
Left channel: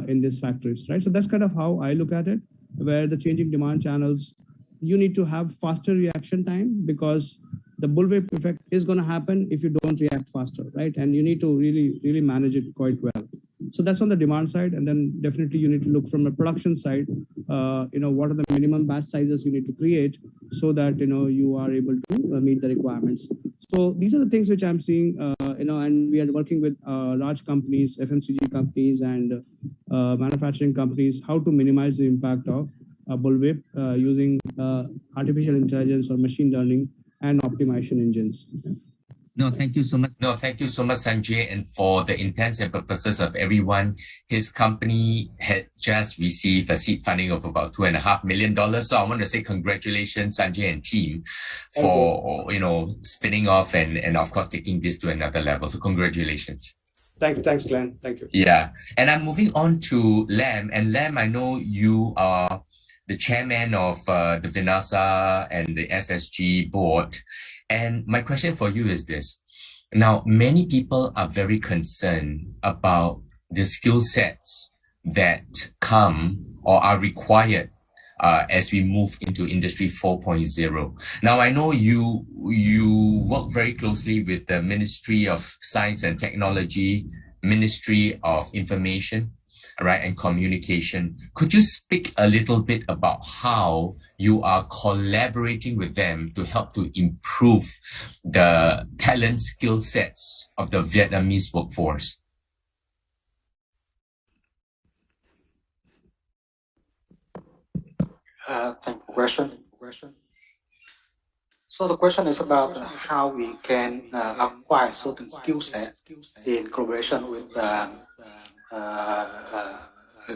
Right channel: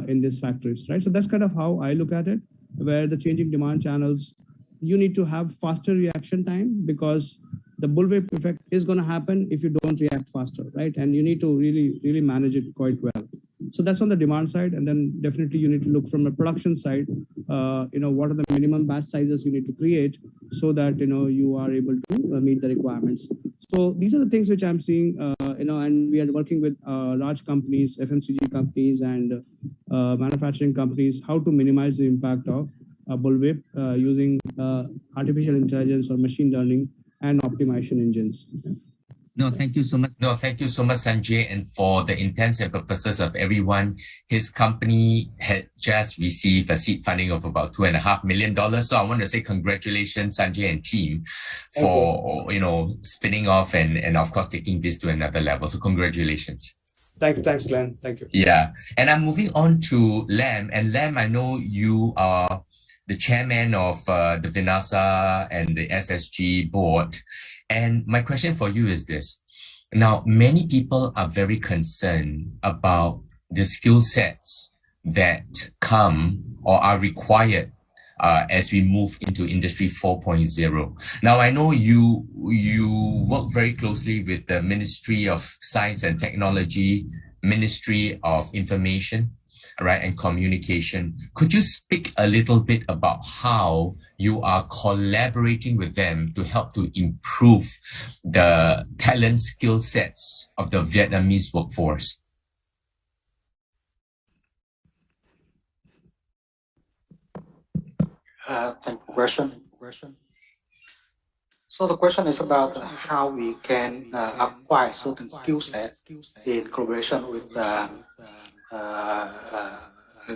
in these factories, right? So that's kind of how I look at it, where the changing demand channels, you need to have faster reaction time, because the bullwhip effect is going to happen if you don't react faster, right? And you need to really manage it quite well. So that's on the demand side. And then definitely you need to look from a production side, what are the minimum batch sizes you need to create so that, you are able to meet the requirements. So these are the things which I'm seeing, and we are working with large companies, FMCG companies and manufacturing companies, how to minimize the impact of bullwhip using artificial intelligence or machine learning and optimization engines. No, thank you so much. No, thank you so much, Sanjay. And for the intents and purposes of everyone, his company had just received a seed funding of about $2.5 million. So I want to say congratulations, Sanjay and team, for spinning off and of course taking this to another level. So congratulations. Thanks, Glenn. Thank you. Yeah, and I'm moving on to Lam. And Lam, I know you are the chairman of the Vinasa and the SSG board. And my question for you is this. Now, many people are very concerned about the skill sets that come or are required as we move into Industry 4.0. Now, I know you work very closely with the Ministry of Science and Technology, Ministry of Information, right, and Communication. Could you speak a little bit about how you are collaborating with them to help to improve the talent skill sets of the Vietnamese workforce? Thank you for the question. So the question is about how we can acquire certain skill sets in collaboration with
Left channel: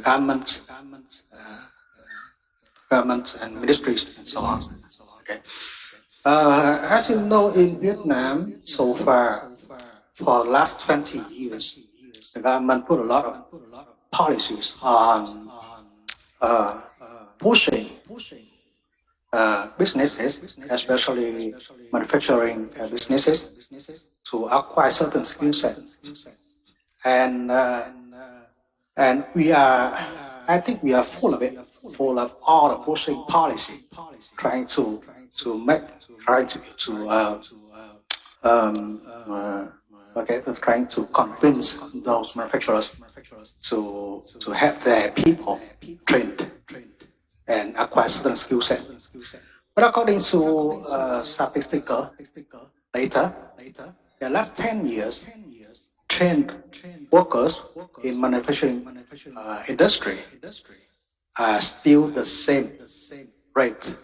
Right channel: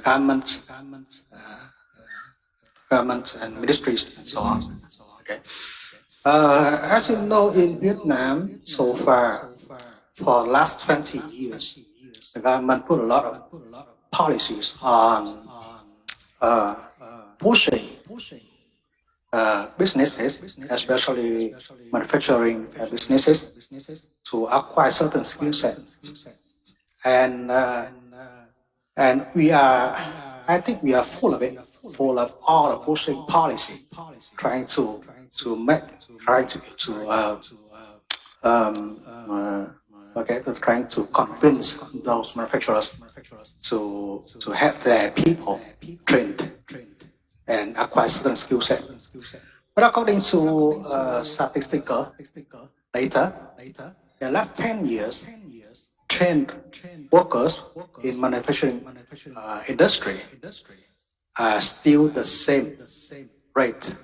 governments, governments and ministries and so on. Okay. As you know, in Vietnam, so far, for the last 20 years, the government put a lot of policies on pushing businesses, especially manufacturing businesses, to acquire certain skill sets. And we are, I think we are full of it, full of all the pushing policy, trying to trying to convince those manufacturers to have their people trained and acquire certain skill set. But according to statistical data, the last 10 years, trained workers in manufacturing industry are still the same rate,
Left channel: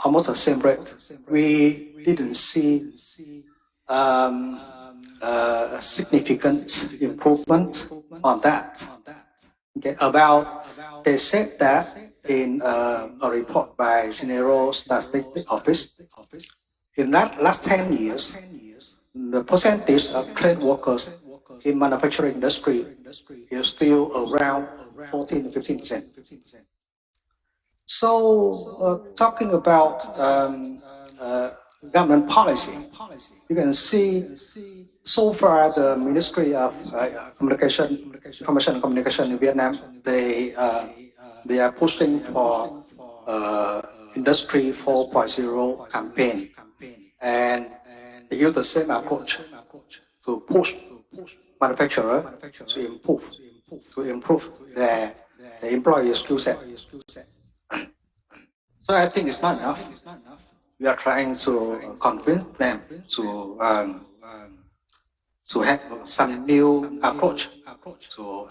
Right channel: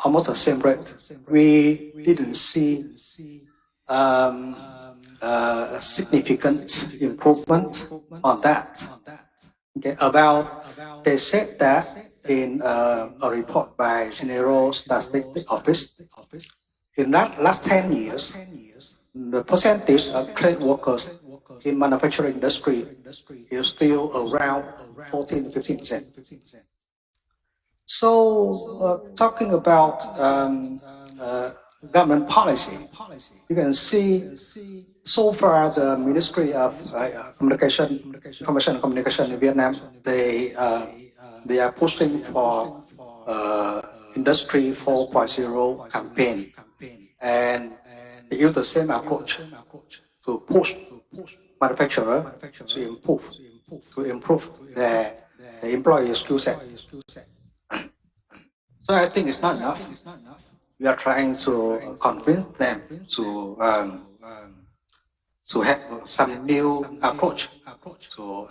almost the same rate. We didn't see a significant improvement on that. Okay, they said that in a report by General Statistics Office, in that last 10 years, the percentage of trade workers in manufacturing industry is still around 14-15%. So talking about government policy, you can see so far the Ministry of Information and Communication in Vietnam, they are pushing for Industry 4.0 campaign, and they use the same approach to push manufacturer to improve their employee skill set. So I think it's not enough. We are trying to convince them to have some new approach to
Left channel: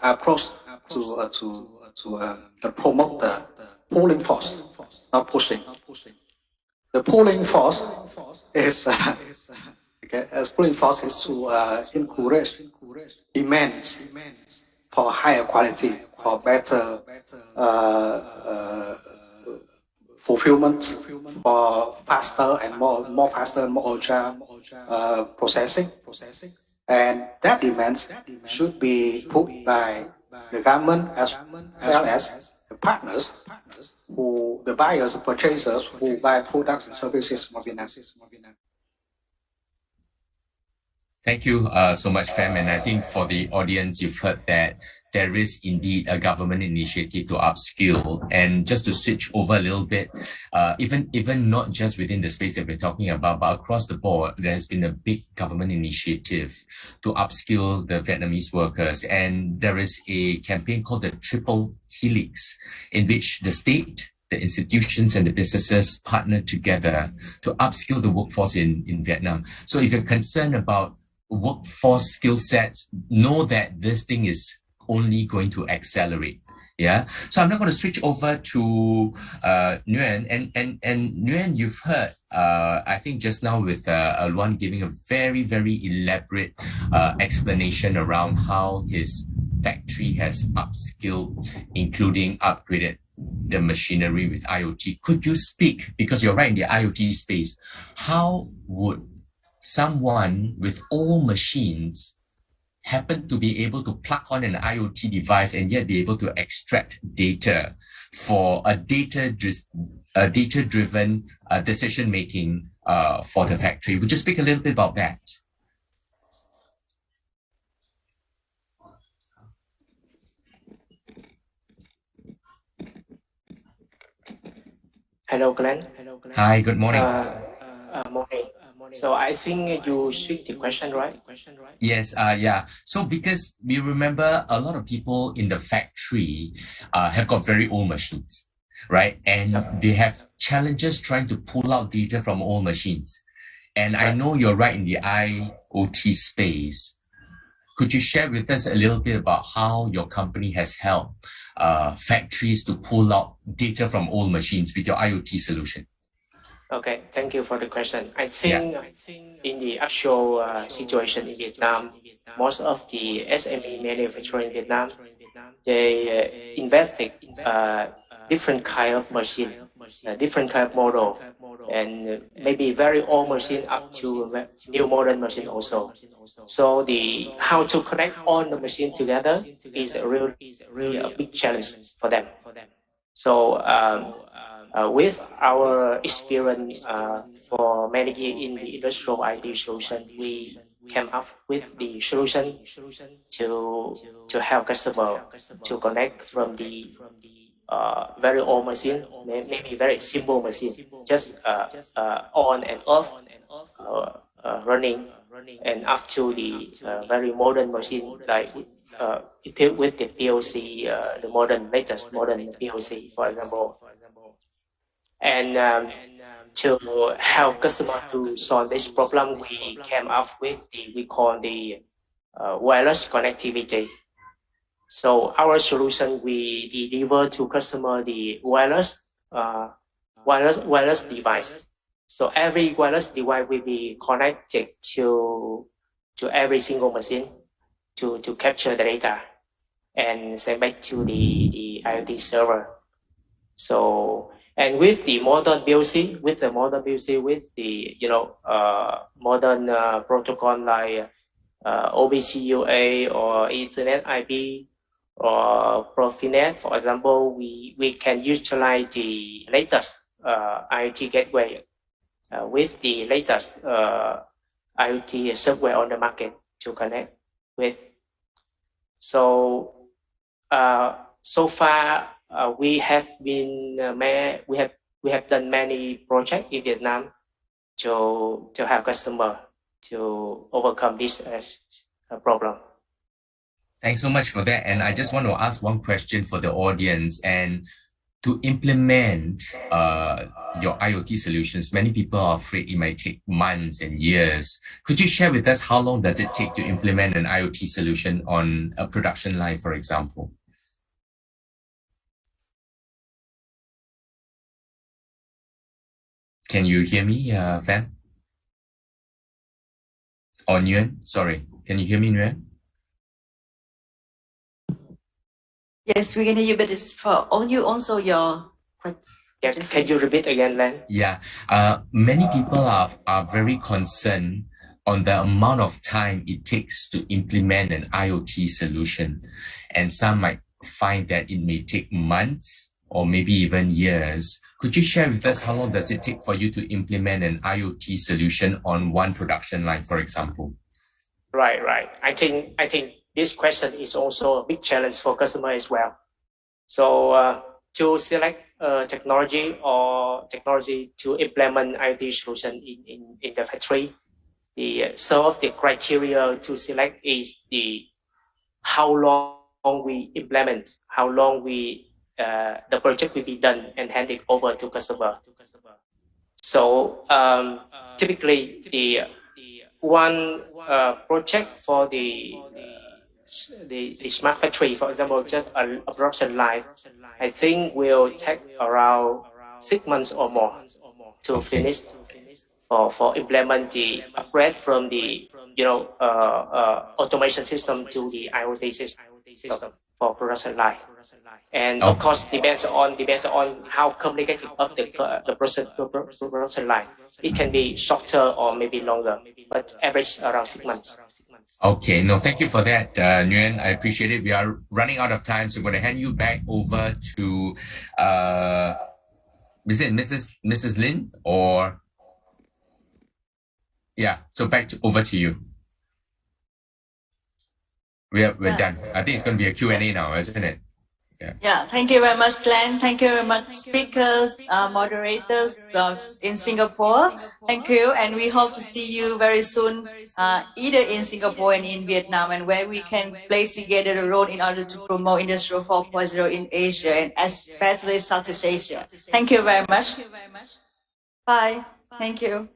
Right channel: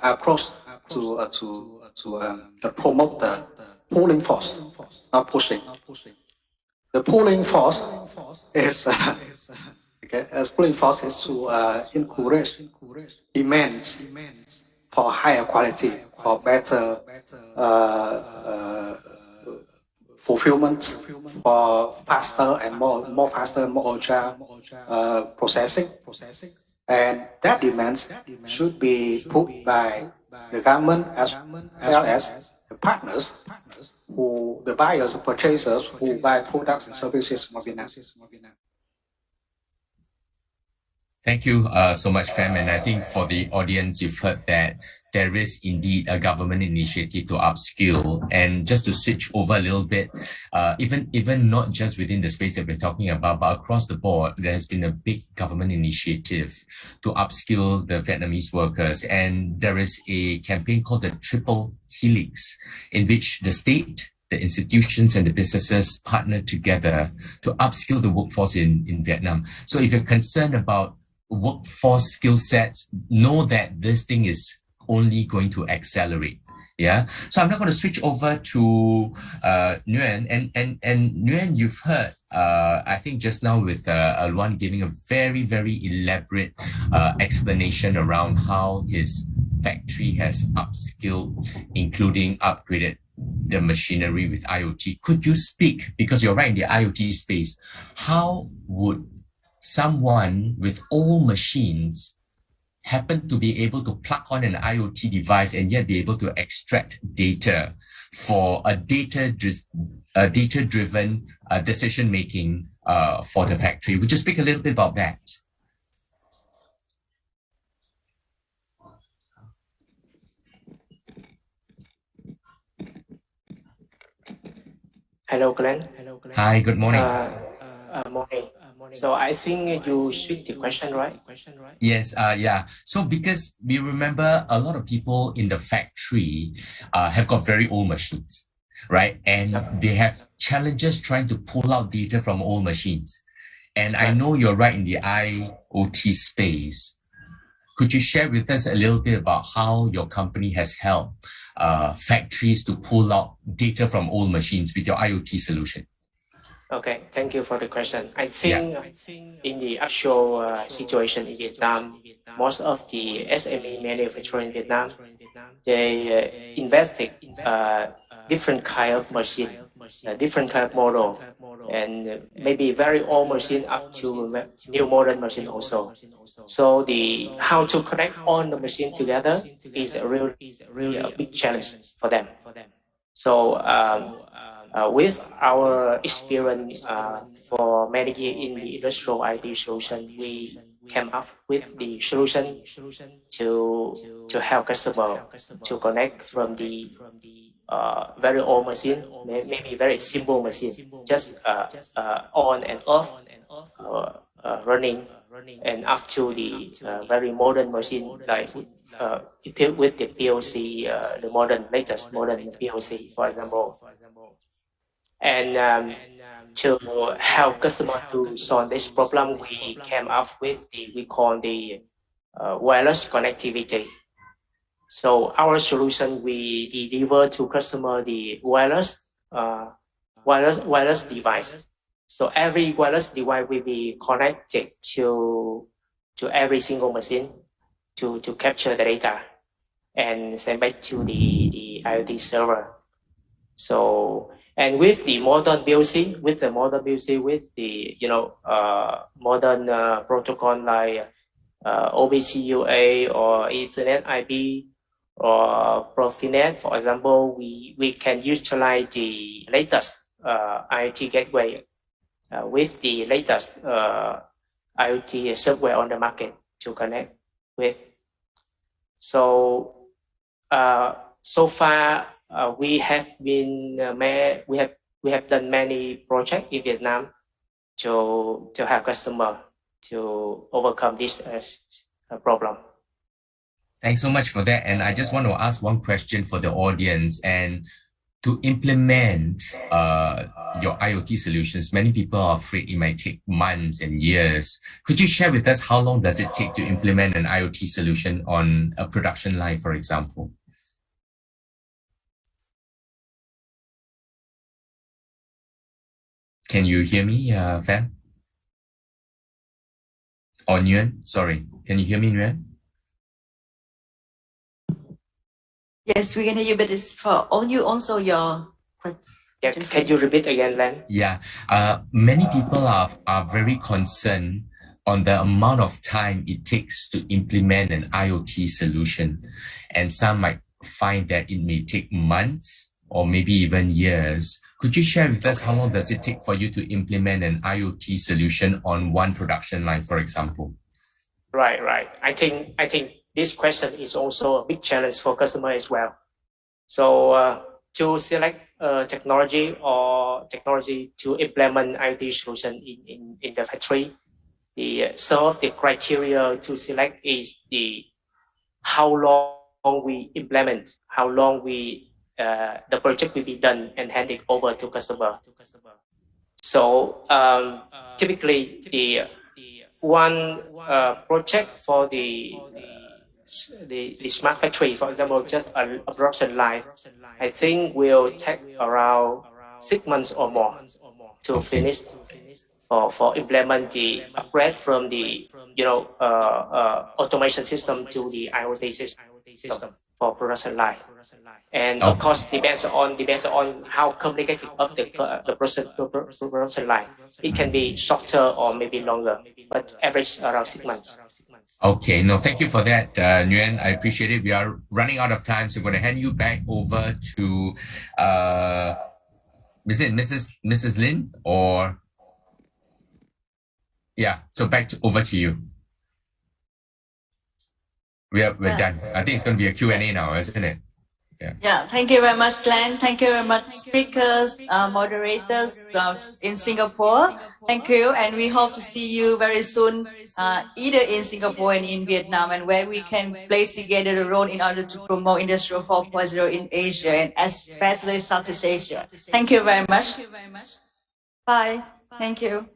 promote the pulling force, not pushing. The pulling force is pulling force is to encourage demands for higher quality, for better fulfillment, for faster and more faster, more agile processing. And that demand should be put by the government as well as the partners, the buyers, purchasers who buy products and services from Vietnam. Thank you so much, Fam. And I think for the audience, you've heard that there is indeed a government initiative to upskill. And just to switch over a little bit, even not just within the space that we're talking about, but across the board, there has been a big government initiative to upskill the Vietnamese workers. And there is a campaign called the Triple Helix, in which the state, the institutions and the businesses partner together to upskill the workforce in Vietnam. So if you're concerned about workforce skill sets, know that this thing is only going to accelerate. Yeah. So I'm not going to switch over to Nguyen. And Nguyen, you've heard, I think just now with Luan giving a very, very elaborate explanation around how his factory has upskilled, including upgraded the machinery with IoT. Could you speak, because you're right in the IoT space, how would someone with old machines happen to be able to plug on an IoT device and yet be able to extract data for a data-driven decision-making for the factory? Would you speak a little bit about that? Hello, Glenn. Hi, good morning. Morning. So I think you switched the question, right? Yes, yeah. So because we remember a lot of people in the factory have got very old machines, right? And they have challenges trying to pull out data from old machines. And I know you're right in the IoT space. Could you share with us a little bit about how your company has helped factories to pull out data from old machines with your IoT solution? Okay, thank you for the question. I think in the actual situation in Vietnam, most of the SME manufacturing in Vietnam, they invested different kind of machine, different kind of model, and maybe very old machine up to new modern machine also. So the how to connect all the machine together is really a big challenge for them. So with our experience for many years in the industrial IT solution, we came up with the solution to help customer to connect from the very old machine, maybe very simple machine, just on and off running, and up to the very modern machine like equipped with the POC, the latest modern POC, for example. And to help customer to solve this problem, we came up with we call the wireless connectivity. So our solution, we deliver to customer the wireless device. So every wireless device will be connected to every single machine to capture the data and send back to the IoT server. So, and with the modern POC, with the modern protocol like OBCUA or Ethernet IP or Profinet, for example, we can utilize the latest IoT gateway with the latest IoT software on the market to connect with. So so far we have been we have done many projects in Vietnam to help customer to overcome this problem. Thanks so much for that. And I just want to ask one question for the audience. And to implement your IoT solutions, many people are afraid it might take months and years. Could you share with us how long does it take to implement an IoT solution on a production line, for example? Can you hear me, Van? Or Nguyen? Sorry. Can you hear me, Nguyen? Yes, we can hear you, but it's for also your question. Yeah, can you repeat again, Len? Yeah, many people are very concerned on the amount of time it takes to implement an IoT solution. And some might find that it may take months or maybe even years. Could you share with us how long does it take for you to implement an IoT solution on one production line, for example? Right. I think this question is also a big challenge for customer as well. So to select technology to implement IoT solution in the factory, some of the criteria to select is how long we implement, how long the project will be done and handed over to customer. So typically the one project for the smart factory, for example, just a production line, I think will take around 6 months or more to finish for implement the upgrade from the automation system to the IoT system for production line. And of course, depends on how complicated of the production line. It can be shorter or maybe longer, but average around 6 months. Okay, no, thank you for that, Nguyen. I appreciate it. We are running out of time, so I'm going to hand you back over to, is it Mrs. Lin or? Yeah, so over to you. We're done. I think it's going to be a Q&A now, isn't it? Yeah, thank you very much, Glenn. Thank you very much, speakers, moderators in Singapore. Thank you, and we hope to see you very soon, either in Singapore and in Vietnam, and where we can place together a role in order to promote Industrial 4.0 in Asia and especially Southeast Asia. Thank you very much. Bye. Thank you.